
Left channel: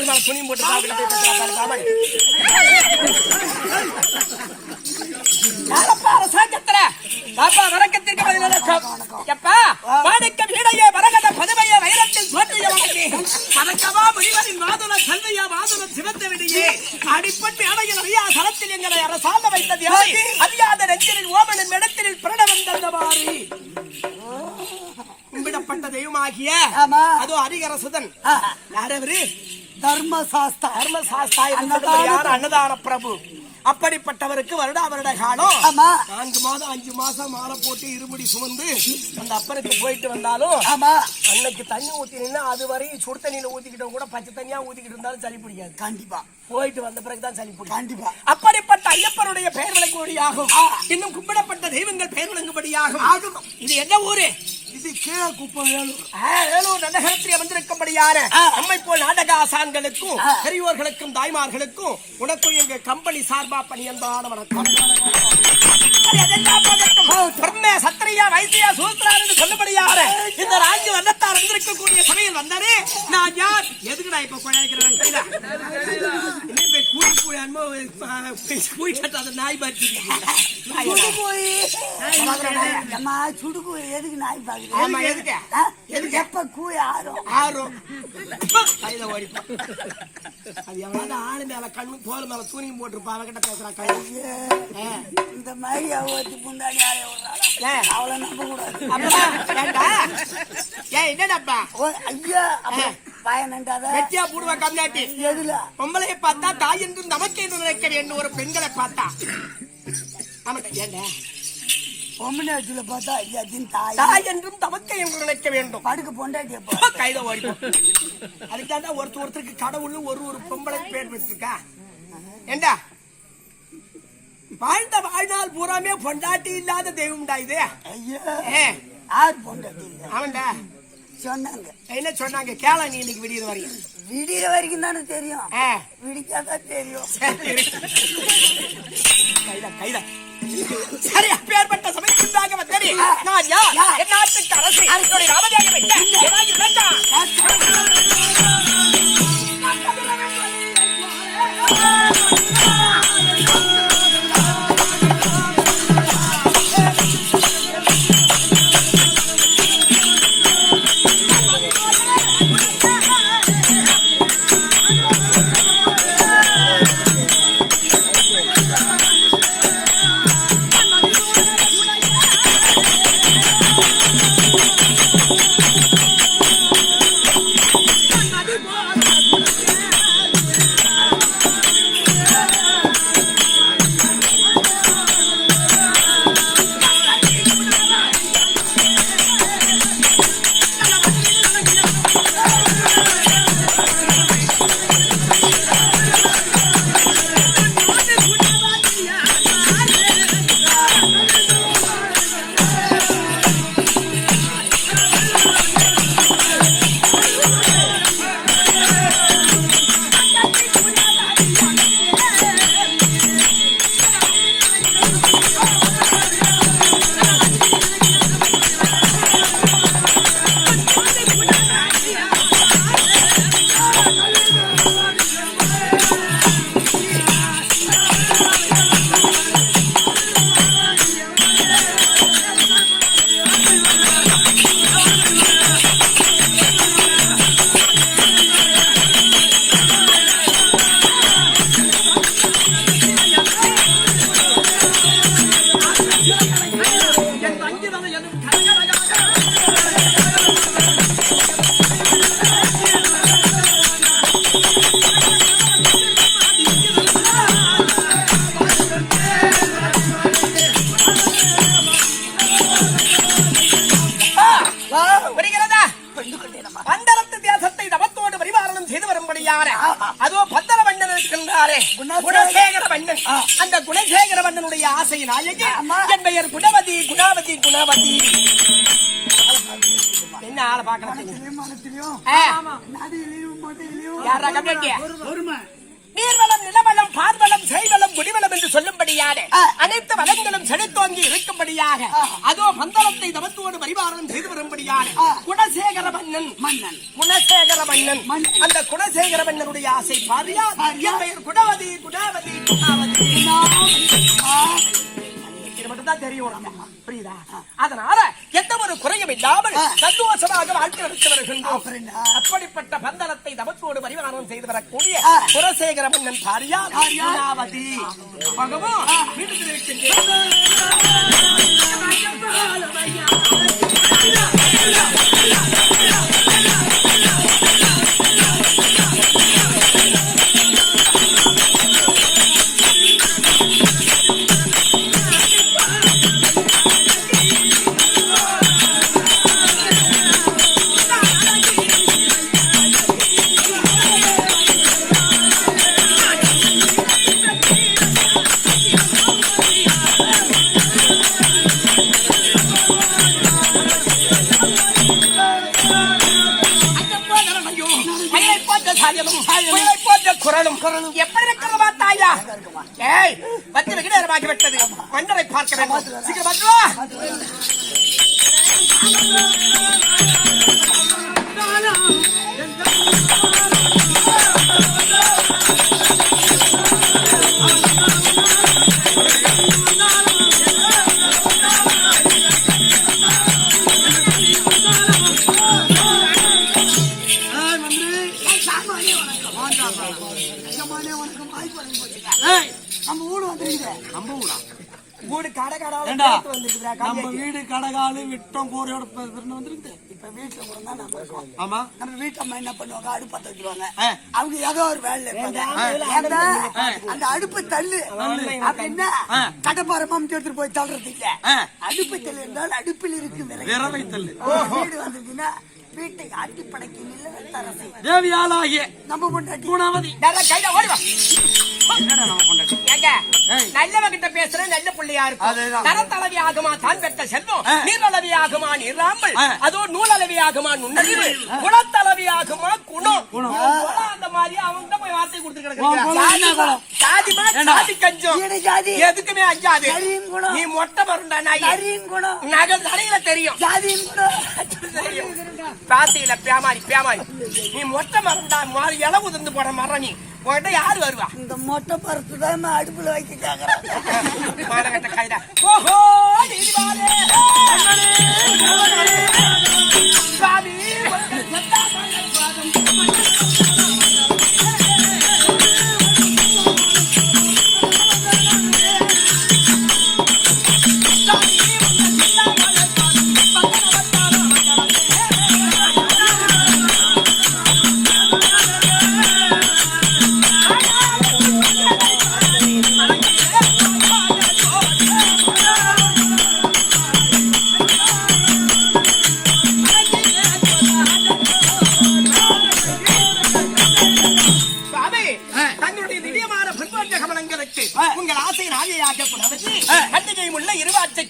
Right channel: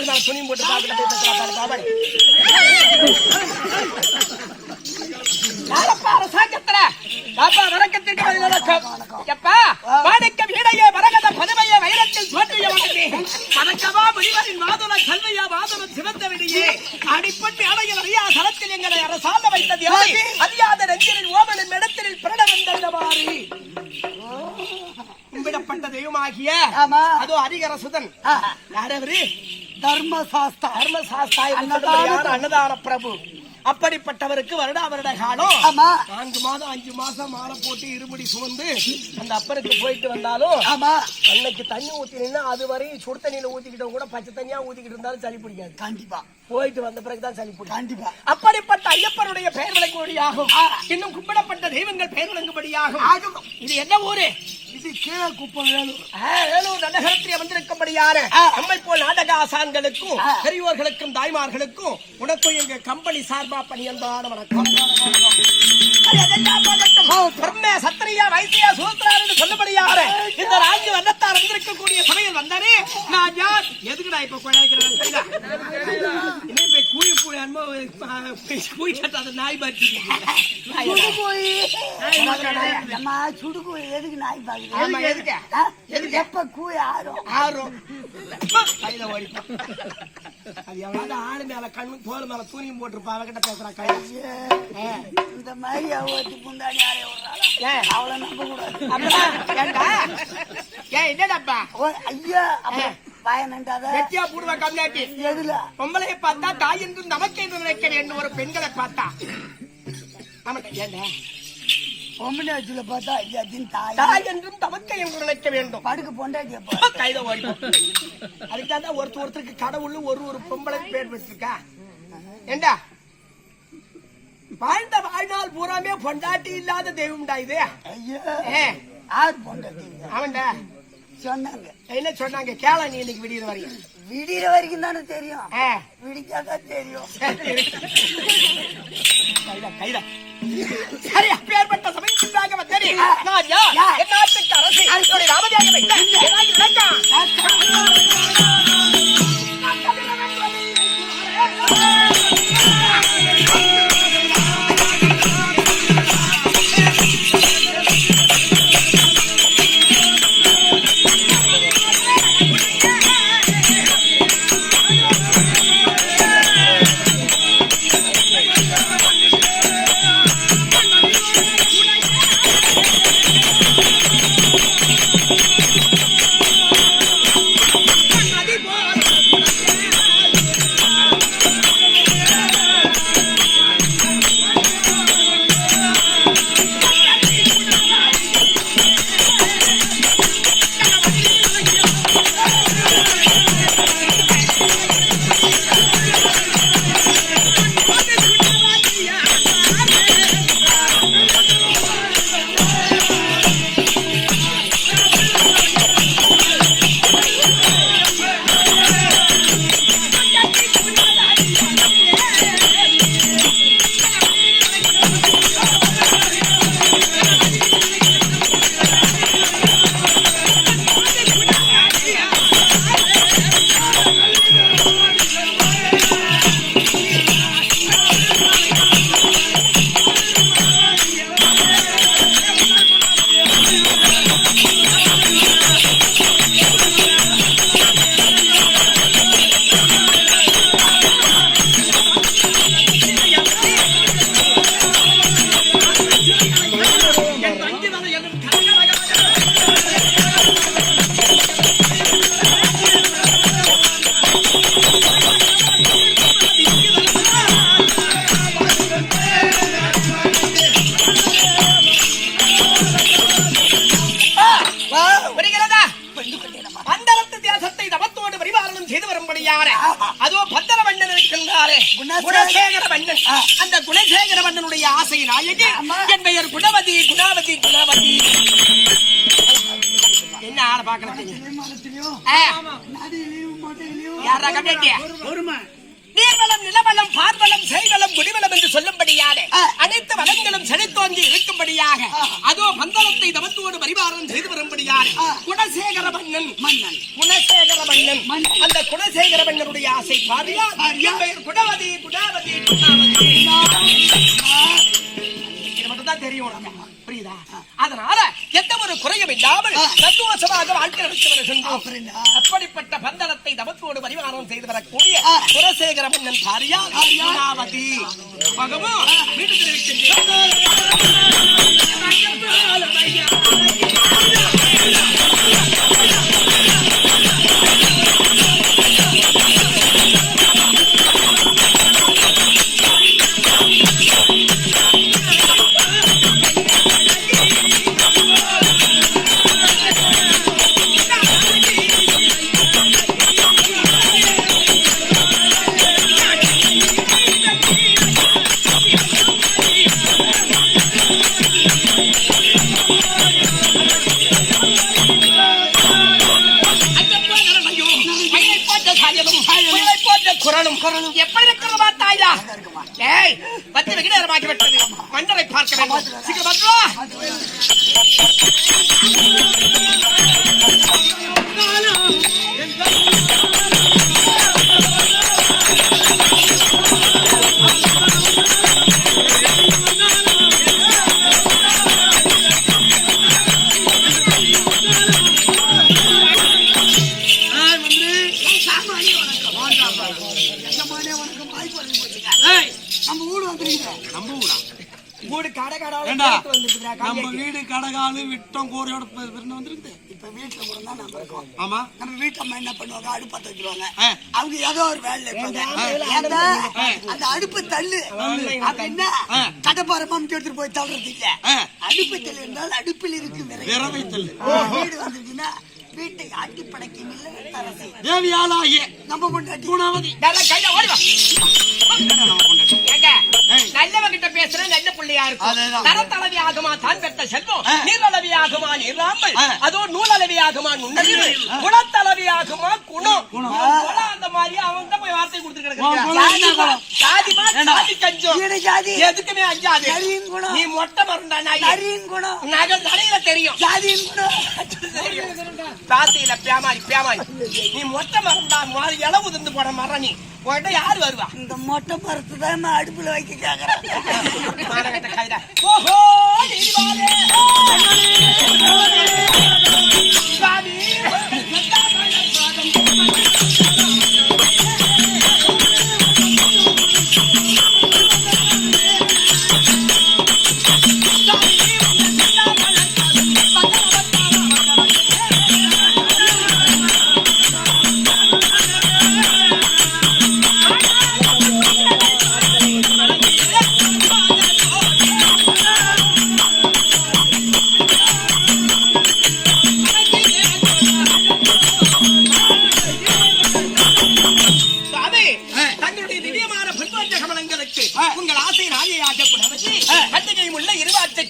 தோல் மேல துணியும் போட்டு பாக்கல சாக்கத்துல பாப்பா வணக்கத்திற்கு பதிலளிக்கும் எப்பா வாடக்க வீடையே வரகத பதவையே வைரத்தில் தோற்றிய வணக்கி வணக்கமா முனிவரின் மாதுள கல்வையா மாதுள சிவந்த விடியே அடிப்பட்டு அடையில் ஐயா சலத்தில் எங்களை அரசால வைத்தது அறியாத நெஞ்சில் ஓமனும் இடத்தில் பிரணவம் தந்தவாறு கும்பிடப்பட்ட தெய்வமாகிய அதோ ஹரிகரசுதன் யாரவரு தர்மசாஸ்தா அன்னதான பிரபு அப்படிப்பட்டவருக்கு வருடா வருட காலம் 4 மாதம் 5 மாசம் மாலை போட்டு இருமுடி சுமந்து அந்த அப்பருக்கு போயிட்டு வந்தாலும் அன்னைக்கு தண்ணி ஊத்தினா அது வரையும் சுடு தண்ணியில ஊத்திக்கிட்டவங்க கூட பச்சை தண்ணியா ஊத்திக்கிட்டு இருந்தாலும் சளி பிடிக்காது. கண்டிப்பா போயிட்டு வந்த பிறகுதான் சளி பிடிக்கும். கண்டிப்பா அப்படிப்பட்ட ஐயப்பனுடைய பெயர் விளங்கும்படியாகும். இன்னும் கும்பிடப்பட்ட தெய்வங்கள் பெயர் விளங்கும்படியாகும். இது என்ன ஊரு? இது கீழே குப்பம் வேலூர் நகரத்திலே வந்திருக்கும்படியான நம்மை போல் நாடக ஆசான்களுக்கும் பெரியோர்களுக்கும் தாய்மார்களுக்கும் உனக்கும் எங்க கம்பெனி சார்பா பணியந்தான வணக்கம். சத்திரியா வைத்தியா சூத்திரான்னு சொல்லபடியார இந்த ராஜ்ய வண்ணத்தார் வந்திருக்கக்கூடிய சமையல் வந்தாரே நான் யார் எதுக்குடா இப்ப குழைக்கிறேன் கைதா இன்னும் கூலி போய் கூலி கட்டாத நாய் பாட்டி சுடுக்கு எதுக்கு நாய் பாக்குது? எப்ப கூழ் ஆறும் கையில ஓடிப்பா அது எவ்வளவு ஆளு மேல கண்ணு தோல் மேல தூணியும் போட்டுருப்பா அவகிட்ட பேசுறா கை இந்த மாதிரி அவத்தி முந்தாடி அவளை நம்ப கூடாது. என்னடாப்பா ஐயா வெட்டியா பூடுவா கம்னாட்டி எதுல பொம்பளையை பார்த்தா தாய் என்றும் நமக்கு என்று நினைக்க வேண்டும். ஒரு பெண்களை பார்த்தா ஆமாட்டா ஏண்டா பொம்மனாச்சுல பார்த்தா ஐயாத்தின் தாய் என்றும் தமக்கை என்று நினைக்க வேண்டும். படுக்க பொண்டாட்டிய கைத ஓடிப்போம். அதுக்காக ஒருத்தருக்கு கடவுள் ஒரு பொம்பளை பேர் வச்சிருக்கா. ஏண்டா வாழ்ந்த வாழ்நாள் பூராமே பொண்டாட்டி இல்லாத தெய்வம்டா இது. யார் பொண்டாட்டி? அவன்டா சொன்னாங்க. என்ன சொன்னாங்க கேள நீ இன்னைக்கு விடிகிற வரைக்கும் தானே தெரியும். விடிச்சாதான் தெரியும். கைதா சரி அப்பேற்பட்ட சமயத்திற்காக வந்தேன். நான் யார்? என் நாட்டுக்கு அரசு ராமதியாக அதோ பத்திரவண்ணன் இருக்கின்றாரே குணசேகர வண்ணன். அந்த குணசேகர வண்ணனுடைய ஆசை நாயகி என் பெயர் குணவதி. என்ன ஆளை பார்க்கலாம் யாரா கம்மியா நீர் நீர்வளம் நிலவளம் பார்வளம் செய்வளம் குடிவளம் என்று சொல்லும்படியான அனைத்து வளங்களும் செழித்தோங்கி இருக்கும்படியாக அதோ பந்தளத்தை தவத்தோடு பரிவாரம் செய்து வரும்படியான குணசேகர மன்னன் குணசேகர மன்னன் அந்த குணசேகர மன்னனுடைய ஆசை பாரியா குணவதி குணவதி குணவதி மட்டும்தான் தெரியும். புரியுதா? அதனால எந்த ஒரு குறையும் இல்லாமல் சந்தோஷமாக வாழ்க்கை நடத்தி வருகின்றோம். அப்படிப்பட்ட பந்தளத்தை தவத்தோடு பரிவாரம் செய்து வரக்கூடிய குலசேகர மன்னன் பாரியா குணாவதி பகவான் வீட்டுக்கு இருக்கின்றேன். எப்படி இருக்கிறதா தாயா? ஏய், பத்து வெகு நேரமாகி விட்டது. மன்னரை பார்க்க வேண்டும். சீக்கிரம் வா. நம்ம வீடு வந்துருக்குது. நம்ம ஊரா? வீடு கடகாடால நம்ம வீடு கடகாலு விட்டோம் கூரையோட வந்துருக்குது. இப்ப வீட்டுல கூட தான் நம்ம இருக்கோம். ஆமா, நம்ம வீட்டம்மா என்ன பண்ணுவாங்க, அடுப்பு பத்த வச்சிருவாங்க. அவங்க ஏதோ ஒரு வேலை இருப்பாங்க. அந்த அடுப்பு தள்ளு அப்படின்னா கடப்பாரமா எடுத்துட்டு போய் தள்ளுறது இல்ல. அடுப்பு தள்ளு என்றால் அடுப்பில் இருக்கு விறவை தள்ளு. வீடு வந்துருச்சுன்னா வீட்டை ஆட்டி படைக்கும் இல்லரசி தேவியாலாகிய நம்ம பொண்டாட்டி குணவதி கையில ஓடிவா. நல்லவங்கிட்ட பேசுற நல்ல பிள்ளையா இருக்கும். தரத்தளவி ஆகுமா தான் பெற்ற செல்வம், நீரளவி ஆகுமா நீராமல், அதோ நூலளவி ஆகுமா நுண்ணறிவு, குணத்தளவி ஆகுமா குணம். அந்த மாதிரி அவங்க தான் போய் வார்த்தை கொடுத்து கிடக்குறாங்க. ஜாதி கஞ்சம் எதுக்குமே அஞ்சாது. நீ மொட்டை மருந்தா நகல் தலையில தெரியும். ஜாதியின் குணம் பாசையில பேமாரி பேமாரி. நீ மொட்டை மருந்தா மாதிரி இளவு உதிர்ந்து போட மரம். நீ உன்கிட்ட யாரு வருவா? இந்த மொட்டை மரத்து தான் அடுப்புல வைக்க கேக்குறேன். ஓஹோ சாமி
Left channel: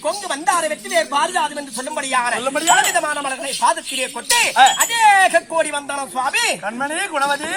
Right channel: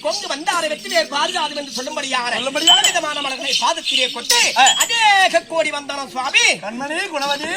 கொண்டு வந்தாரை வெற்றிலே பாதுகாது என்று சொல்லும்படியான விதமான மலர்களை பாதத்திலே கொண்டு அநேக கோடி வந்தான சுவாமி. கண்மணி குணவதி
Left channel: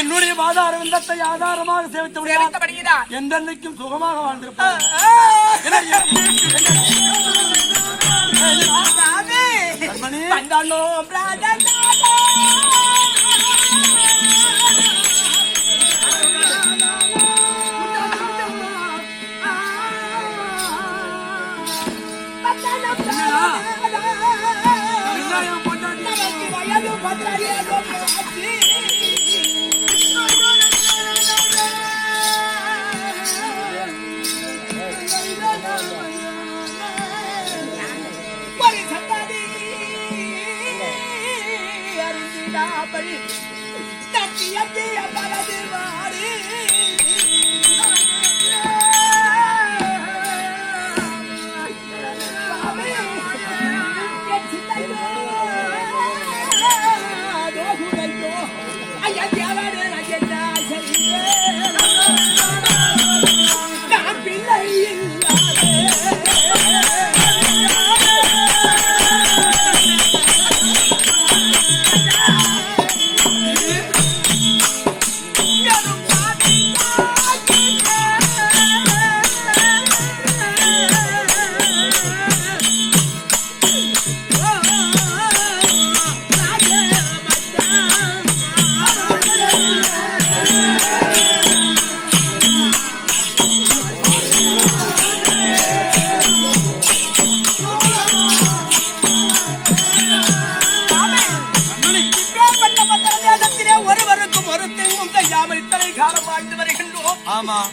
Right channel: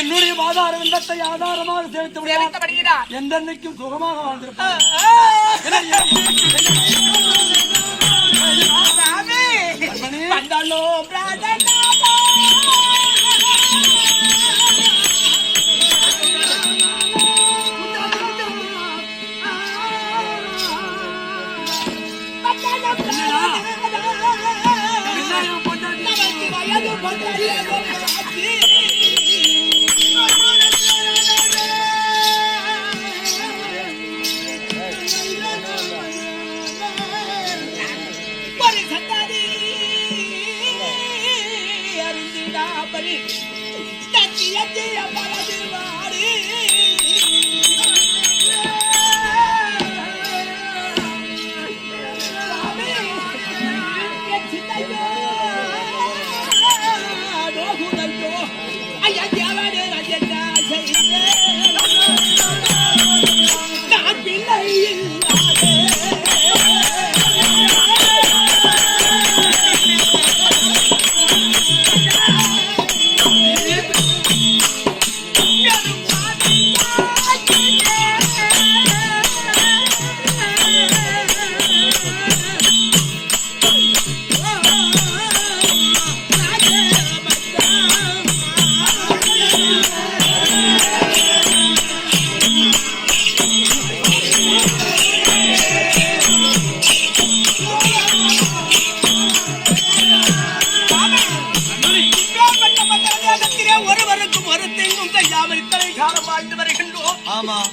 என்னுடைய பாதார விந்தத்தை ஆதாரமாக சேவித்தபடியால் எந்தென்னைக்கும் சுகமாக வாழ்ந்திருப்பார். கத்திய பரது வாடு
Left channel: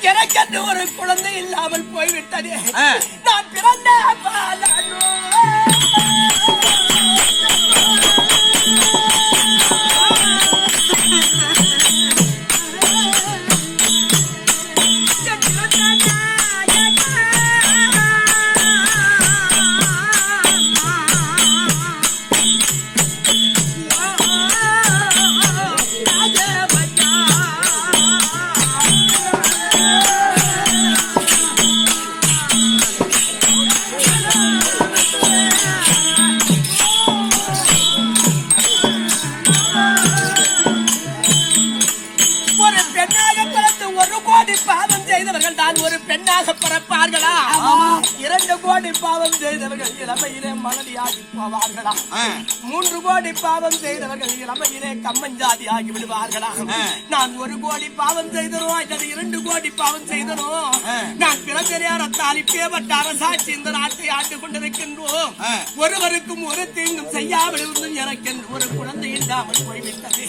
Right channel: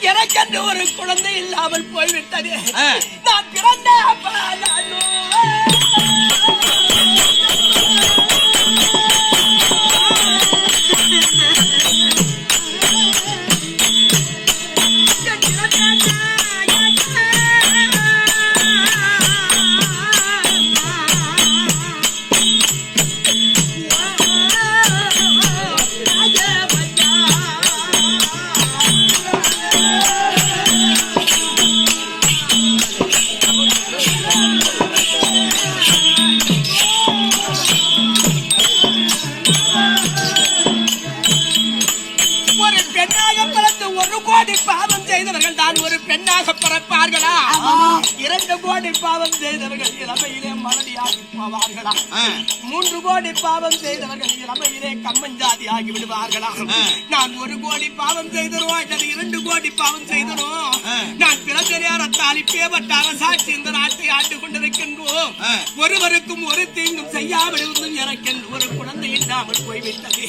எனக்கென்று ஒரு குழந்தை இல்லாமல் போய்விட்டது. நான் பிறந்த ஒரு பெண்ணாக பிறப்பார்களா? 2 கோடி பாவம் செய்தவர்கள் இளமையிலே மலடியாகி போவார்களா? 3 கோடி பாவம் செய்தவர்கள் இளமையிலே கம்மஞ்சாதி ஆகி விடுவார்களா? நான் 1 கோடி பாவம் செய்தனோ அல்லது 2 கோடி பாவம் செய்தனோ? நான் பிறந்த நேரத்தால் இப்பேற்பட்ட அரசாட்சி இந்த நாட்டை ஆண்டு கொண்டிருக்கின்றோம். ஒருவருக்கும் ஒரு தீங்கும் செய்யாமல் இருந்தும் எனக்கென்று ஒரு குழந்தை இல்லாமல் போய்விட்டது.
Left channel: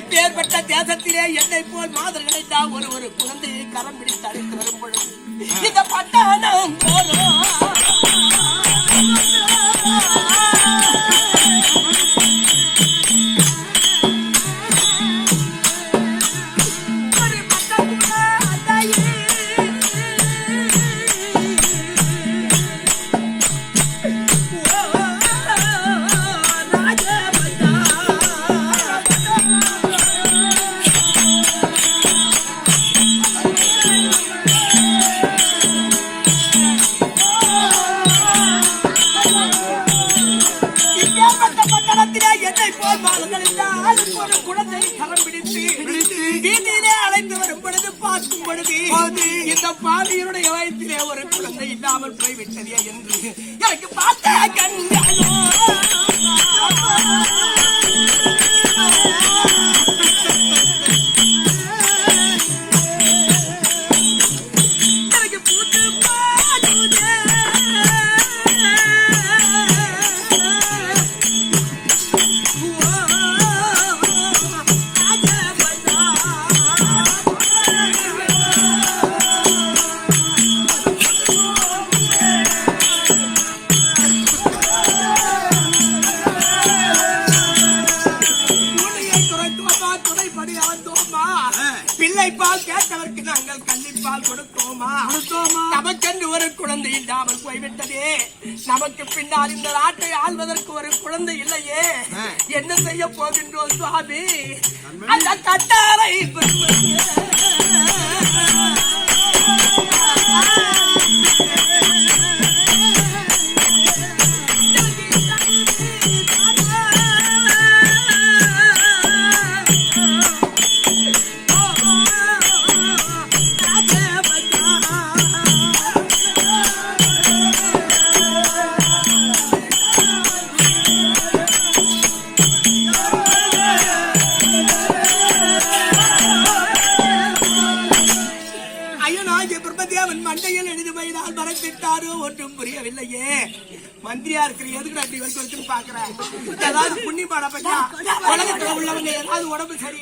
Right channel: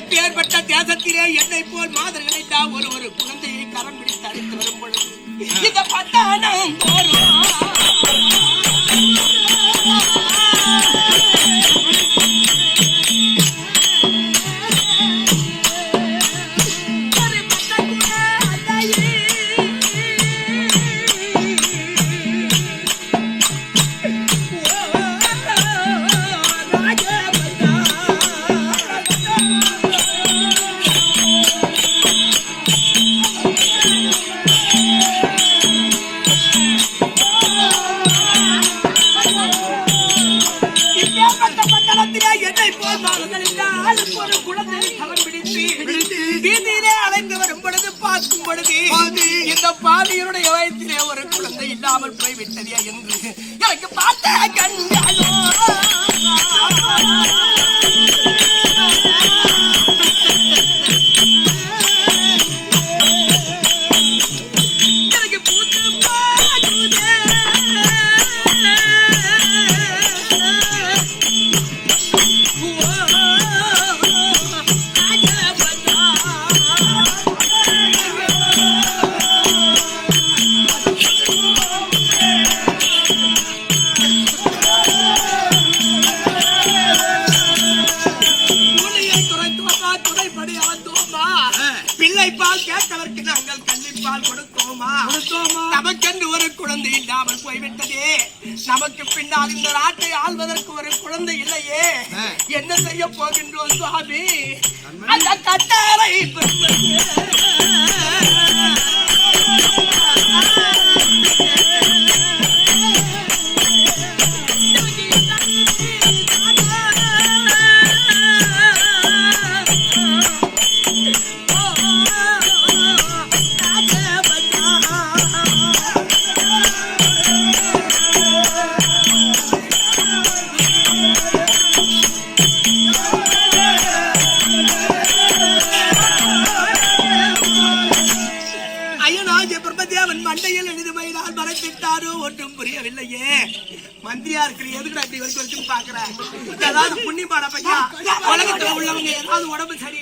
இப்பேற்பட்ட தேசத்திலே என்னை போல் மாதர்களை தான் ஒரு குழந்தையை கரம் பிடித்து அழைத்து வரும் பொழுது இந்த பட்டாணம் போறோம். ஒரு குழந்தையை கரம் பிடித்து வீதியிலே அலைந்து வரும் பொழுது பார்க்கும் பொழுது இந்த பாவியனுடைய வயத்திலே ஒரு குழந்தை இல்லாமல் போய்விட்டதே என்று எனக்கு பார்த்த கண்களோ எனக்கு பூத்து பாடுதே. பிள்ளைப்பால் கேட்டவருக்கு நாங்கள் கன்னிப்பால் கொடுத்தோமா? நமக்கென்று ஒரு குழந்தை இல்லாமல் போய்விட்டதே. நமக்கு பின்னால் இந்த நாட்டை ஆள்வதற்கு ஒரு குழந்தை இல்லையே. என்ன செய்ய போகின்றோம் சுவாமி? அந்த கட்டாரை மண்டையில் எழுதி வைத்தால் மறைத்திட்டாரோ ஒன்றும் புரியவில்லையே. மந்திரியா இருக்கிற எதுக்கு அப்படி வரைக்கும் பாக்குறேன்? ஏதாவது புண்ணியமான பையன் உலகத்துல உள்ளவங்க ஏதாவது உடம்பு சரி